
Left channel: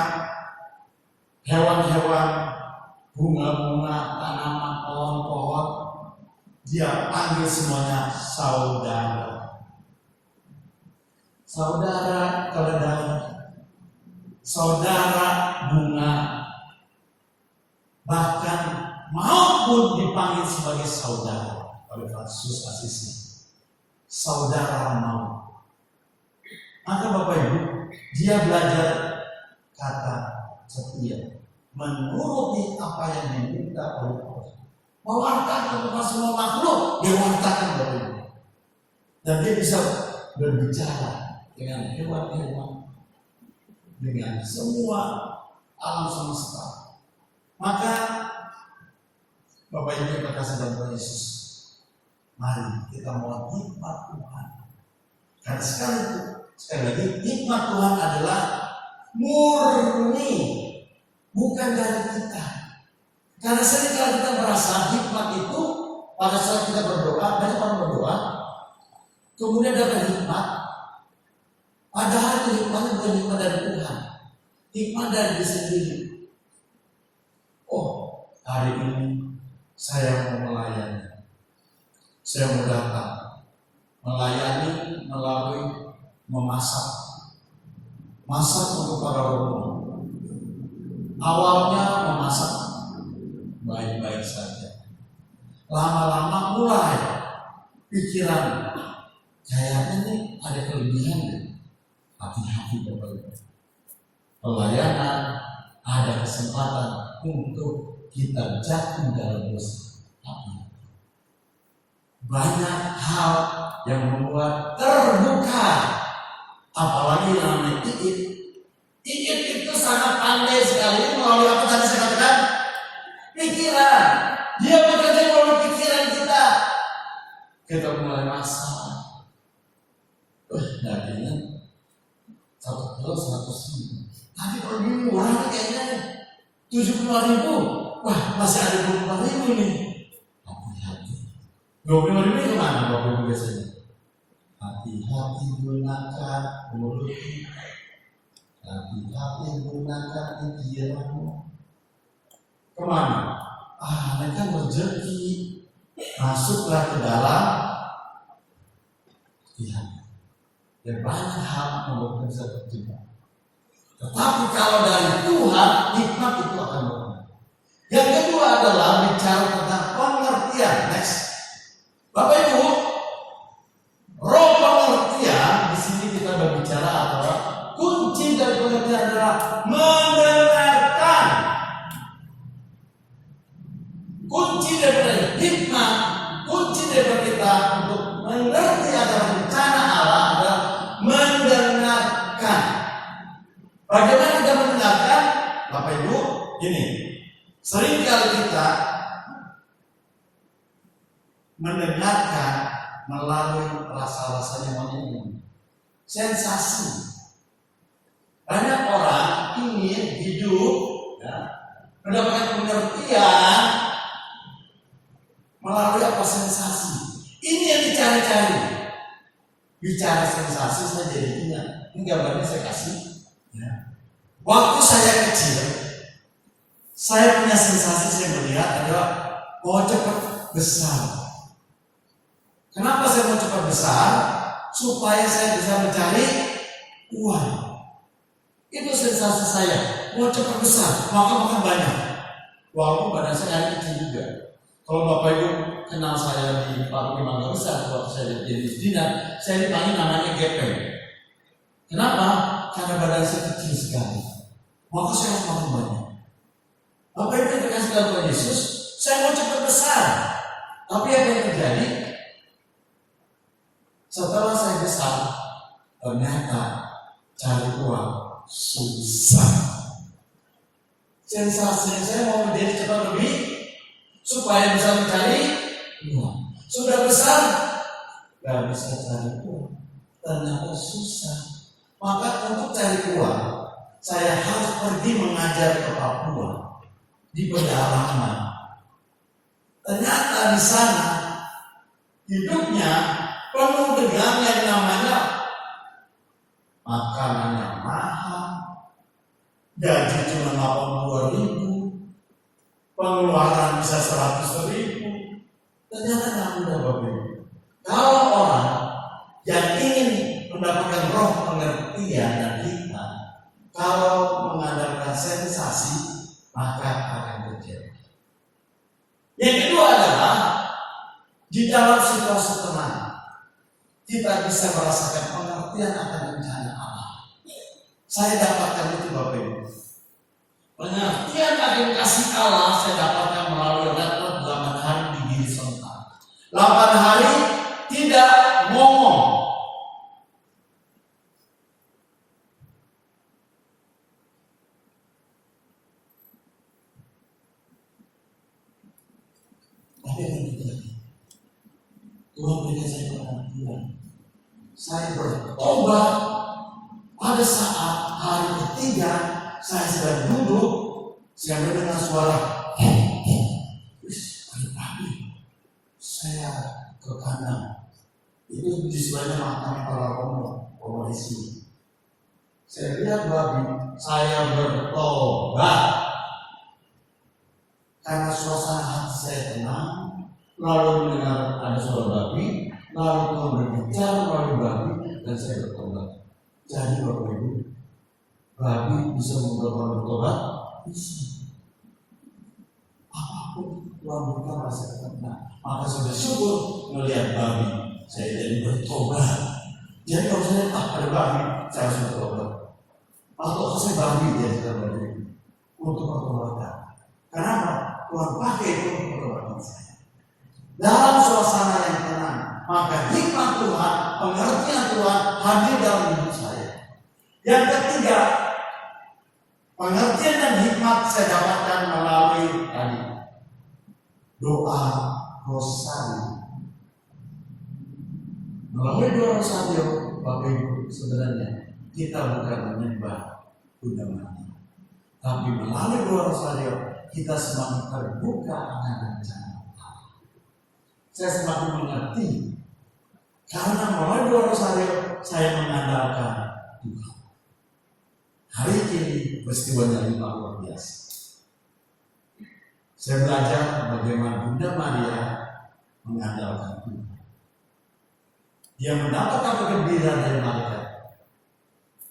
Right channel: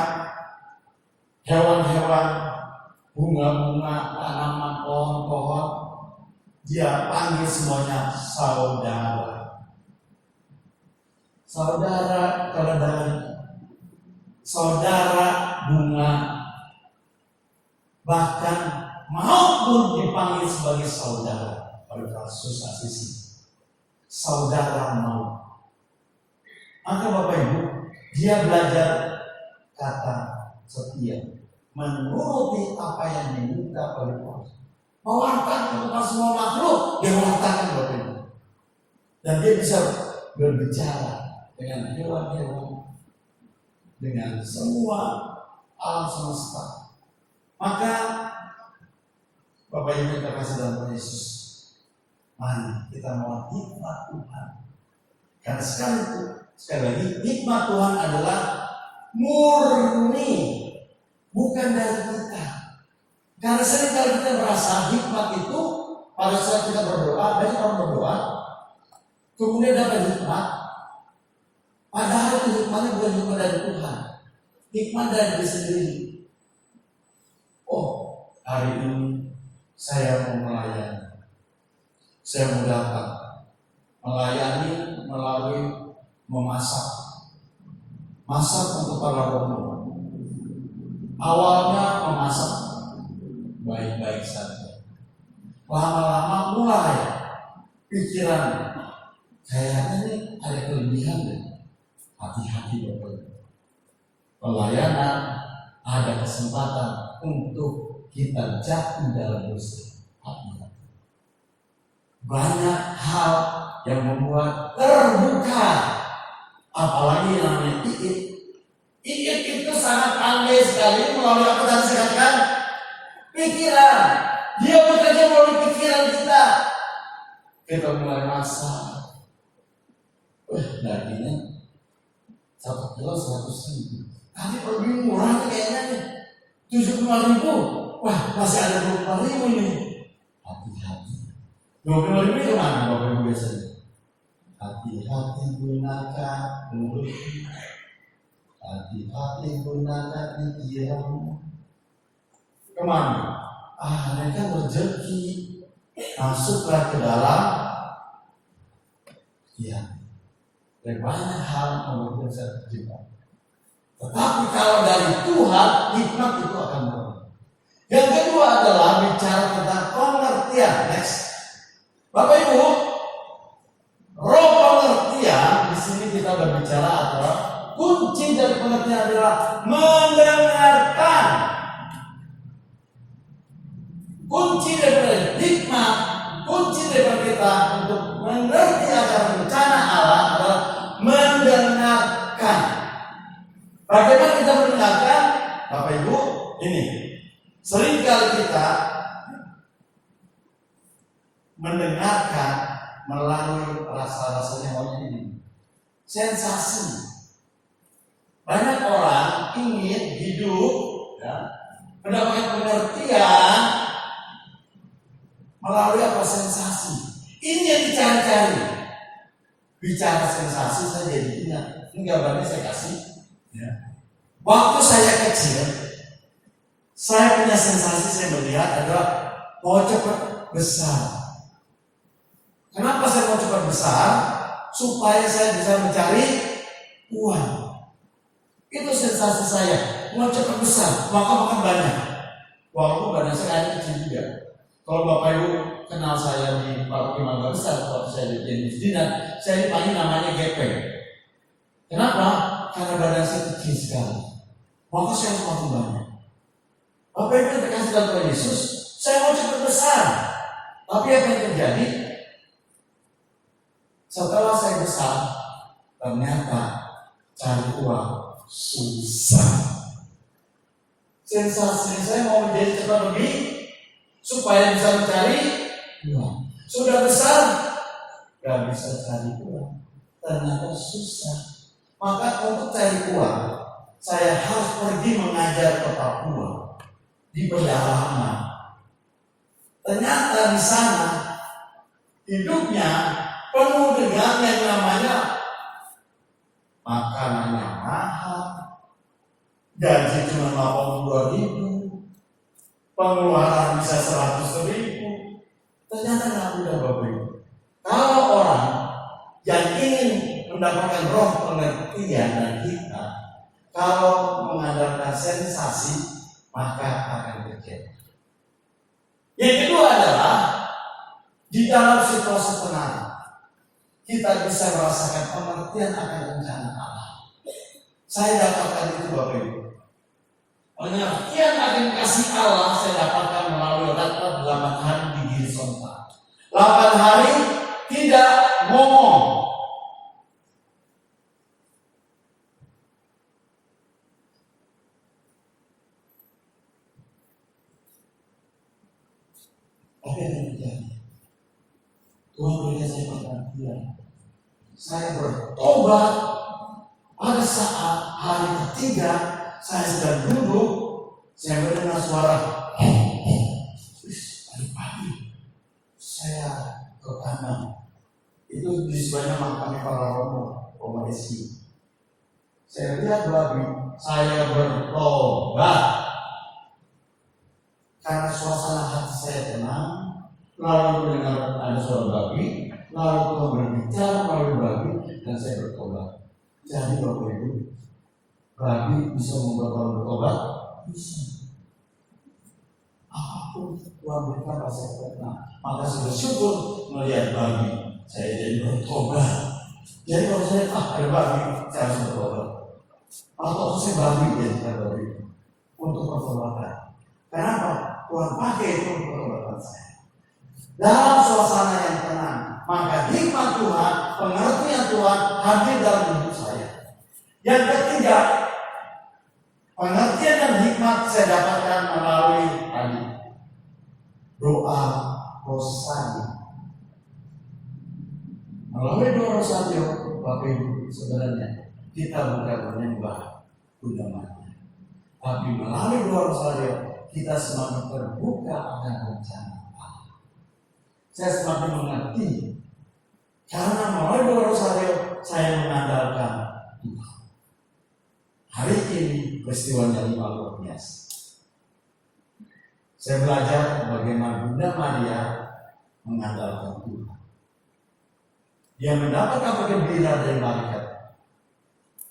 hewan-hewan, bunga-bunga, tanaman, pohon-pohon, dia panggil semuanya saudara. Saudara keledai, saudara bunga, bahkan maupun dipanggil sebagai saudara oleh Fransiskus Assisi. Saudara mau. Maka Bapak Ibu, dia belajar kata setia, menuruti apa yang diminta oleh Paus. Mewartakan kepada semua makhluk, dia wartakan Bapak Ibu. Dan dia bisa berbicara dengan hewan-hewan, dengan semua alam semesta. Maka Bapak Ibu yang terkasih dalam Tuhan Yesus, mari kita mohon hikmat Tuhan. Karena sekali lagi hikmat Tuhan adalah murni, bukan dari kita. Karena seringkali kita merasa hikmat itu pada saat kita berdoa, banyak orang berdoa, kemudian dapat hikmat, padahal itu hikmatnya bukan hikmat dari Tuhan, hikmat dari diri sendiri. Oh, hari ini saya mau melayani, saya mau datang melayani melalui memasak untuk para romo. Awalnya memasak baik-baik saja, lama-lama mulai pikiran kayaknya nih ada kelebihan deh. Hati-hati Bapak Ibu. Pelayanan ada kesempatan untuk kita jatuh dalam dosa. Hati-hati. Banyak hal yang membuat terbuka, apalagi yang namanya Iit. Iit itu sangat pandai sekali melalui apa tadi saya katakan? Pikiran. Dia bekerja melalui pikiran kita. Kita mulai masak. Dagingnya 1 kilo 100.000. Tadi lebih murah kayaknya nih 75.000. Wah, masih ada 25.000 nih. Hati-hati. 25.000 itu kemana Bapak Ibu biasanya? Hati-hati gunakan mulut kita. Hati-hati gunakan pikiranmu. Kemana? Mereka rezeki masuklah ke dalam. Ya, dan banyak hal membuat kita terjebak. Tetapi kalau dari Tuhan, hikmat itu akan berubah. Yang kedua adalah bicara tentang pengertian. Next, Bapak Ibu, roh pengertian di sini kita berbicara adalah kunci dari pengertian adalah mendengarkan. Kunci daripada hikmat, kunci daripada kita untuk mengerti akan rencana Allah adalah mendengarkan. Bagaimana kita mendengarkan? Bapak Ibu, ini seringkali kita mendengarkan melalui rasa-rasanya maunya ini, sensasi. Banyak orang ingin hidup mendapatkan pengertian melalui apa? Sensasi. Ini yang dicari-cari. Bicara sensasi saya jadi ingat. Ini gambarnya saya kasih. Waktu saya kecil, saya punya sensasi, saya melihat ada mau cepat besar. Kenapa saya mau cepat besar? Supaya saya bisa mencari uang. Itu sensasi saya. Mau cepat besar, makan banyak. Walaupun badan saya kecil juga. Kalau Bapak Ibu kenal saya di pabrik Mangga Besar, waktu saya jadi dinas, saya dipanggil namanya gepeng. Kenapa? Karena badan saya kecil sekali. Maka saya harus makan banyak. Bapak Ibu yang dikasih dalam Tuhan Yesus, saya mau cepat besar. Tapi apa yang terjadi? Setelah saya besar, ternyata cari uang susah. Sensasinya saya mau menjadi cepat lebih supaya bisa mencari uang. Sudah besar, gak bisa cari uang. Ternyata susah. Maka untuk cari uang, saya harus pergi mengajar ke Papua di pedalaman. Ternyata di sana hidupnya penuh dengan yang namanya makanannya mahal, gaji cuma 82.000, pengeluaran bisa 100.000. Ternyata nggak mudah Bapak Ibu. Kalau orang yang ingin mendapatkan roh pengertian dan hikmat, kalau mengandalkan sensasi, maka akan terjadi. Yang kedua adalah di dalam situasi tenang, kita bisa merasakan pengertian akan rencana Allah. Saya dapatkan itu Bapak Ibu. Pengertian akan kasih Allah saya dapatkan melalui ratna 8 hari di diri sontak. 8 hari tidak ngomong. Tuhan berikan saya perhatian. Saya bertobat pada saat hari ketiga saya sedang duduk, saya mendengar suara pagi-pagi. Saya ke kanan. Itu di sebelahnya makam para Romo Desi. Saya lihat babi, saya bertobat karena suasana hati saya tenang. Lalu mendengar ada suara babi, lalu Tuhan berbicara melalui babi dan saya bertobat. Jadi Bapak Ibu, babi bisa membuat orang bertobat? Bisa. Apapun Tuhan berikan rasa tenang. Maka saya bersyukur melihat babi, saya jadi bertobat. Jadi kalau saya ada babi, saya harus bertobat. Atau saya babi ya babi untuk pertobatan. Kenapa? Tuhan pakai itu untuk pertobatan saya. Dalam suasana yang tenang, maka hikmat Tuhan, pengertian Tuhan hadir dalam hidup saya. Yang ketiga, pengertian dan hikmat saya dapatkan melalui tadi doa rosari. Melalui doa rosari, Bapak Ibu, sebenarnya kita bukan menyembah Bunda Maria, tapi melalui doa rosari kita semakin terbuka akan rencana. Saya semakin mengerti karena melalui doa rosario saya mengandalkan Tuhan. Hari ini peristiwanya 5 luar biasa. Saya belajar bagaimana Bunda Maria mengandalkan Tuhan. Dia mendapat kabar gembira dari malaikat.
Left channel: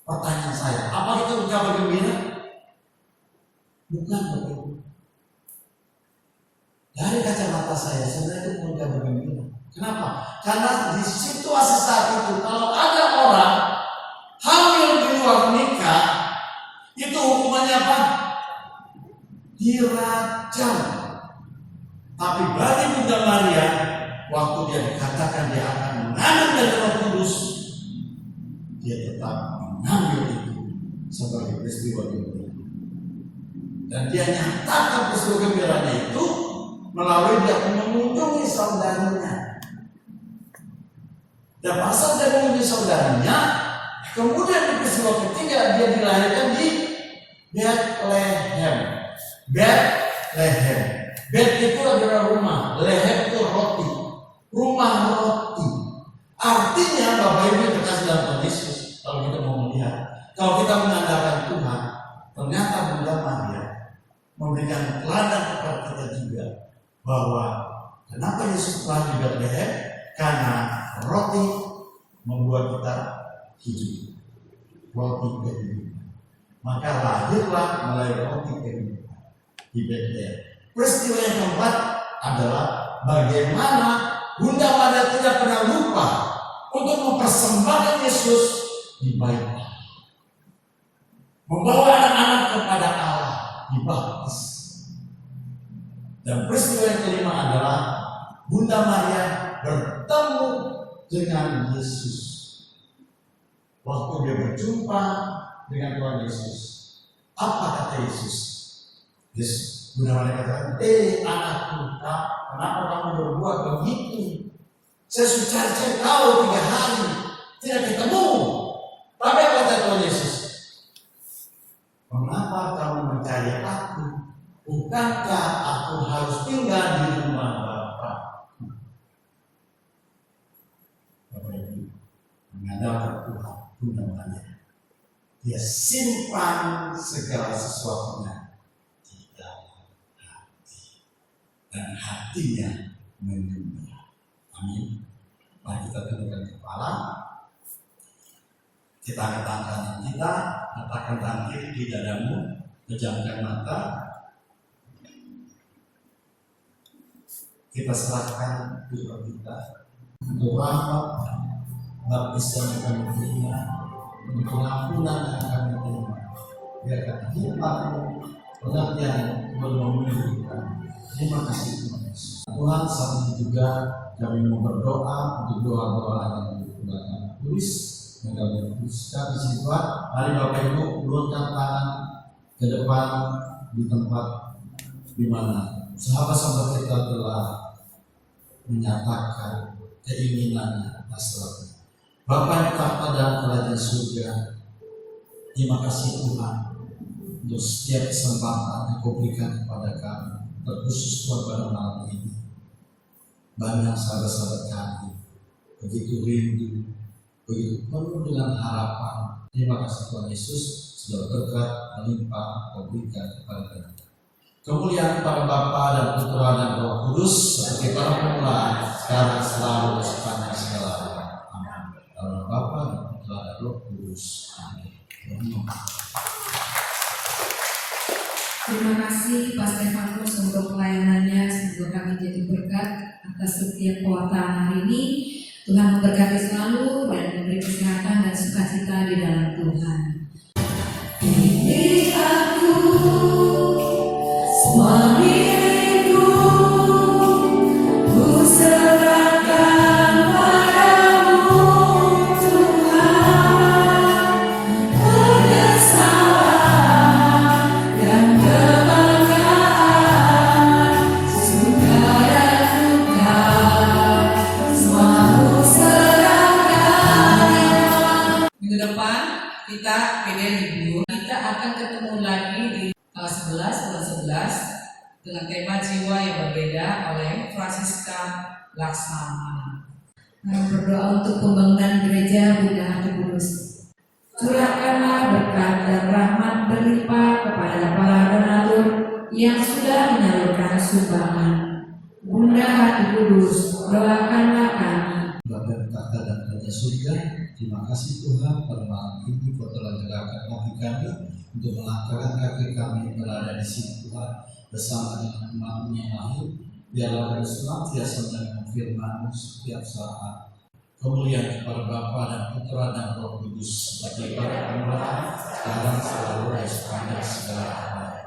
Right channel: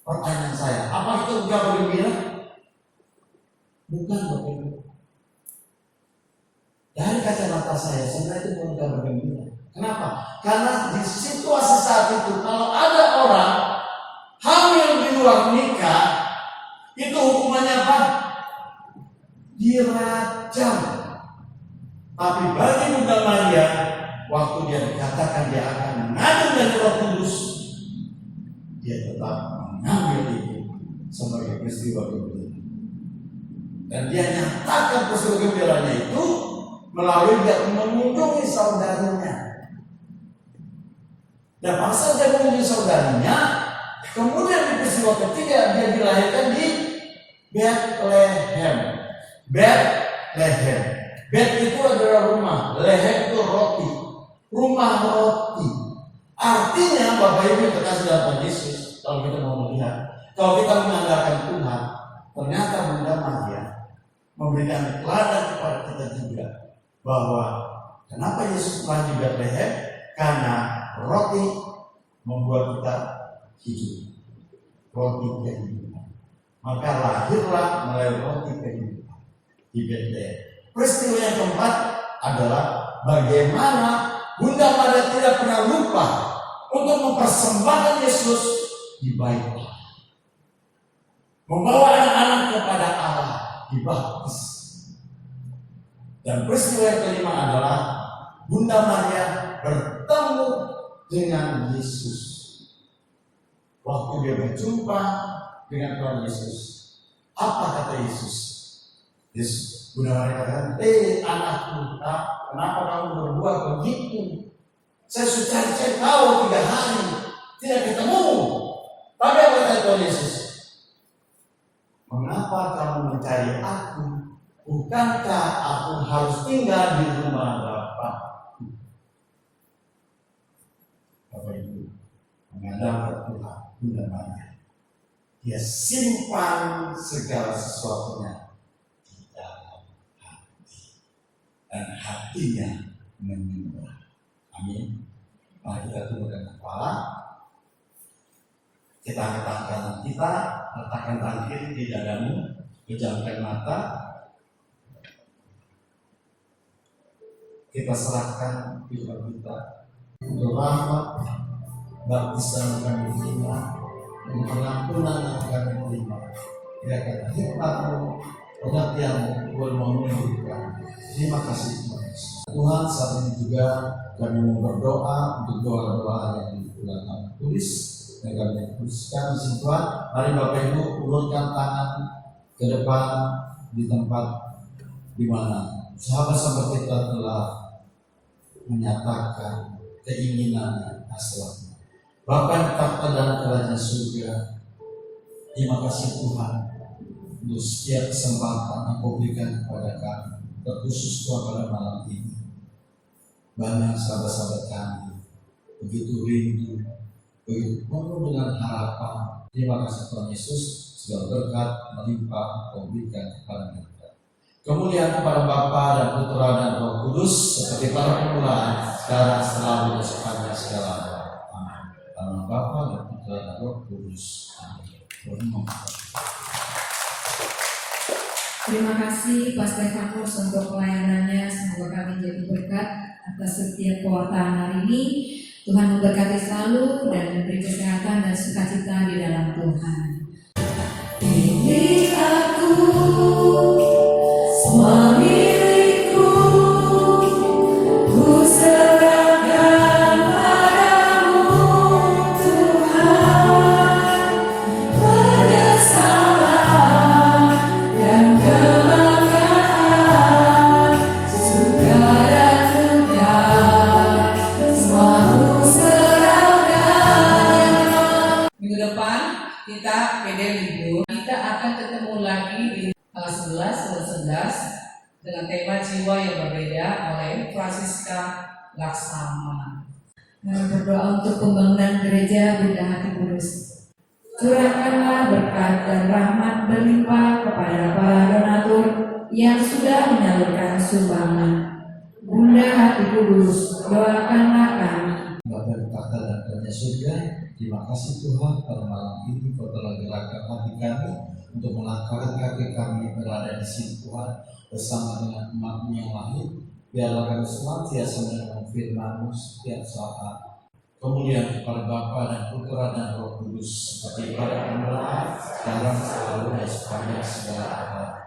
Pertanyaan saya, apa itu kabar gembira? Bukan, Bapak Ibu. Dari kacamata saya, sebenarnya itu bukan kabar gembira. Kenapa? Karena di situasi saat itu, kalau ada orang hamil di luar nikah, itu hukumannya apa? Dirajam. Tapi bagi Bunda Maria, waktu dia dikatakan dia akan mengandung dari Roh Kudus, dia tetap mengambil itu sebagai peristiwa gembira. Dan dia nyatakan peristiwa gembiranya itu melalui dia mengunjungi saudarinya. Dan pasal dia mengunjungi saudarinya, kemudian di peristiwa ketiga dia dilahirkan di Bethlehem. Bethlehem. Beth itu adalah rumah, lehem itu roti, rumah roti. Artinya Bapak Ibu yang terkasih dalam Yesus, kalau kita mau melihat, kalau kita mengandalkan Tuhan, ternyata Bunda Maria memberikan teladan kepada kita juga. Bahwa kenapa Yesus lahir di Bethlehem? Karena roti membuat kita hidup, roti kehidupan. Maka lahirlah melalui roti kehidupan di Bethlehem. Peristiwa yang keempat adalah bagaimana Bunda Maria tidak pernah lupa untuk mempersembahkan Yesus di bait Allah, membawa anak-anak kepada Allah, dibaptis. Dan peristiwa yang kelima adalah Bunda Maria bertemu dengan Yesus. Waktu dia berjumpa dengan Tuhan Yesus, apa kata Yesus? Bunda Maria katakan, anakku, kenapa kamu berbuat begitu? Saya sudah cari kau 3 hari, tidak ketemu. Tapi apa kata Tuhan Yesus? Mengapa kamu mencari aku? Bukankah aku harus tinggal di rumah Bapa? Bapak Ibu, mengandalkan Tuhan, Bunda Maria, dia simpan segala sesuatunya di dalam hati, dan hatinya menyembah. Amin. Mari kita tundukkan kepala, kita angkat tangan kanan kita, letakkan tangan kiri di dadamu, pejamkan mata. Kita serahkan jiwa kita untuk rahmat baptisan yang kami terima, untuk pengampunan yang kami terima. Biarkan hikmat-Mu, pengertian-Mu boleh memulihkan. Terima kasih Tuhan Yesus. Tuhan, saat ini juga kami mau berdoa untuk doa-doa yang telah kami tulis yang kami tuliskan di sini Tuhan. Mari Bapak Ibu ulurkan tangan ke depan di tempat di mana sahabat-sahabat kita telah menyatakan keinginannya, hasratnya. Bapa yang tahta dalam kerajaan surga, terima kasih Tuhan untuk setiap kesempatan yang Kau berikan kepada kami, terkhusus Tuhan pada malam ini. Banyak sahabat-sahabat kami begitu rindu, begitu penuh dengan harapan. Terima kasih Tuhan Yesus, sudah berkat melimpah Kau berikan kepada kita. Kemuliaan kepada Bapa dan Putra dan Roh Kudus seperti pada permulaan, sekarang, selalu, dan sepanjang segala abad. Amin. Dalam Bapa dan Putra dan Roh Kudus. Amin. Terima kasih Pak Stefanus untuk pelayanannya. Semoga kami jadi berkat atas setiap pewartaan hari ini. Tuhan memberkati selalu dan memberi kesehatan dan sukacita di dalam Tuhan. Ini aku, semua milikku, ku serahkan padamu Tuhan. Penyesalan dan kebanggaan, suka dan duka, semua ku serahkan. Minggu depan kita PD libur. Kita akan ketemu lagi di tanggal 11 bulan 11 dengan tema jiwa yang berbeda oleh Francisca Laksamana. Berdoa untuk pembangunan gereja Bunda Hati Kudus. Curahkanlah berkat dan rahmat berlimpah kepada para donatur yang sudah menyalurkan sumbangan. Bunda Hati Kudus, doakanlah kami. Bapa yang tahta dan kerajaan surga, terima kasih Tuhan pada malam ini Kau telah gerakkan hati kami untuk melangkahkan kaki kami berada di sini Tuhan bersama dengan umat-Mu yang lain. Biarlah kami senantiasa mendengar firman-Mu setiap saat. Kemuliaan kepada Bapa dan Putra dan Roh Kudus seperti pada permulaan, sekarang, selalu, dan sepanjang segala abad.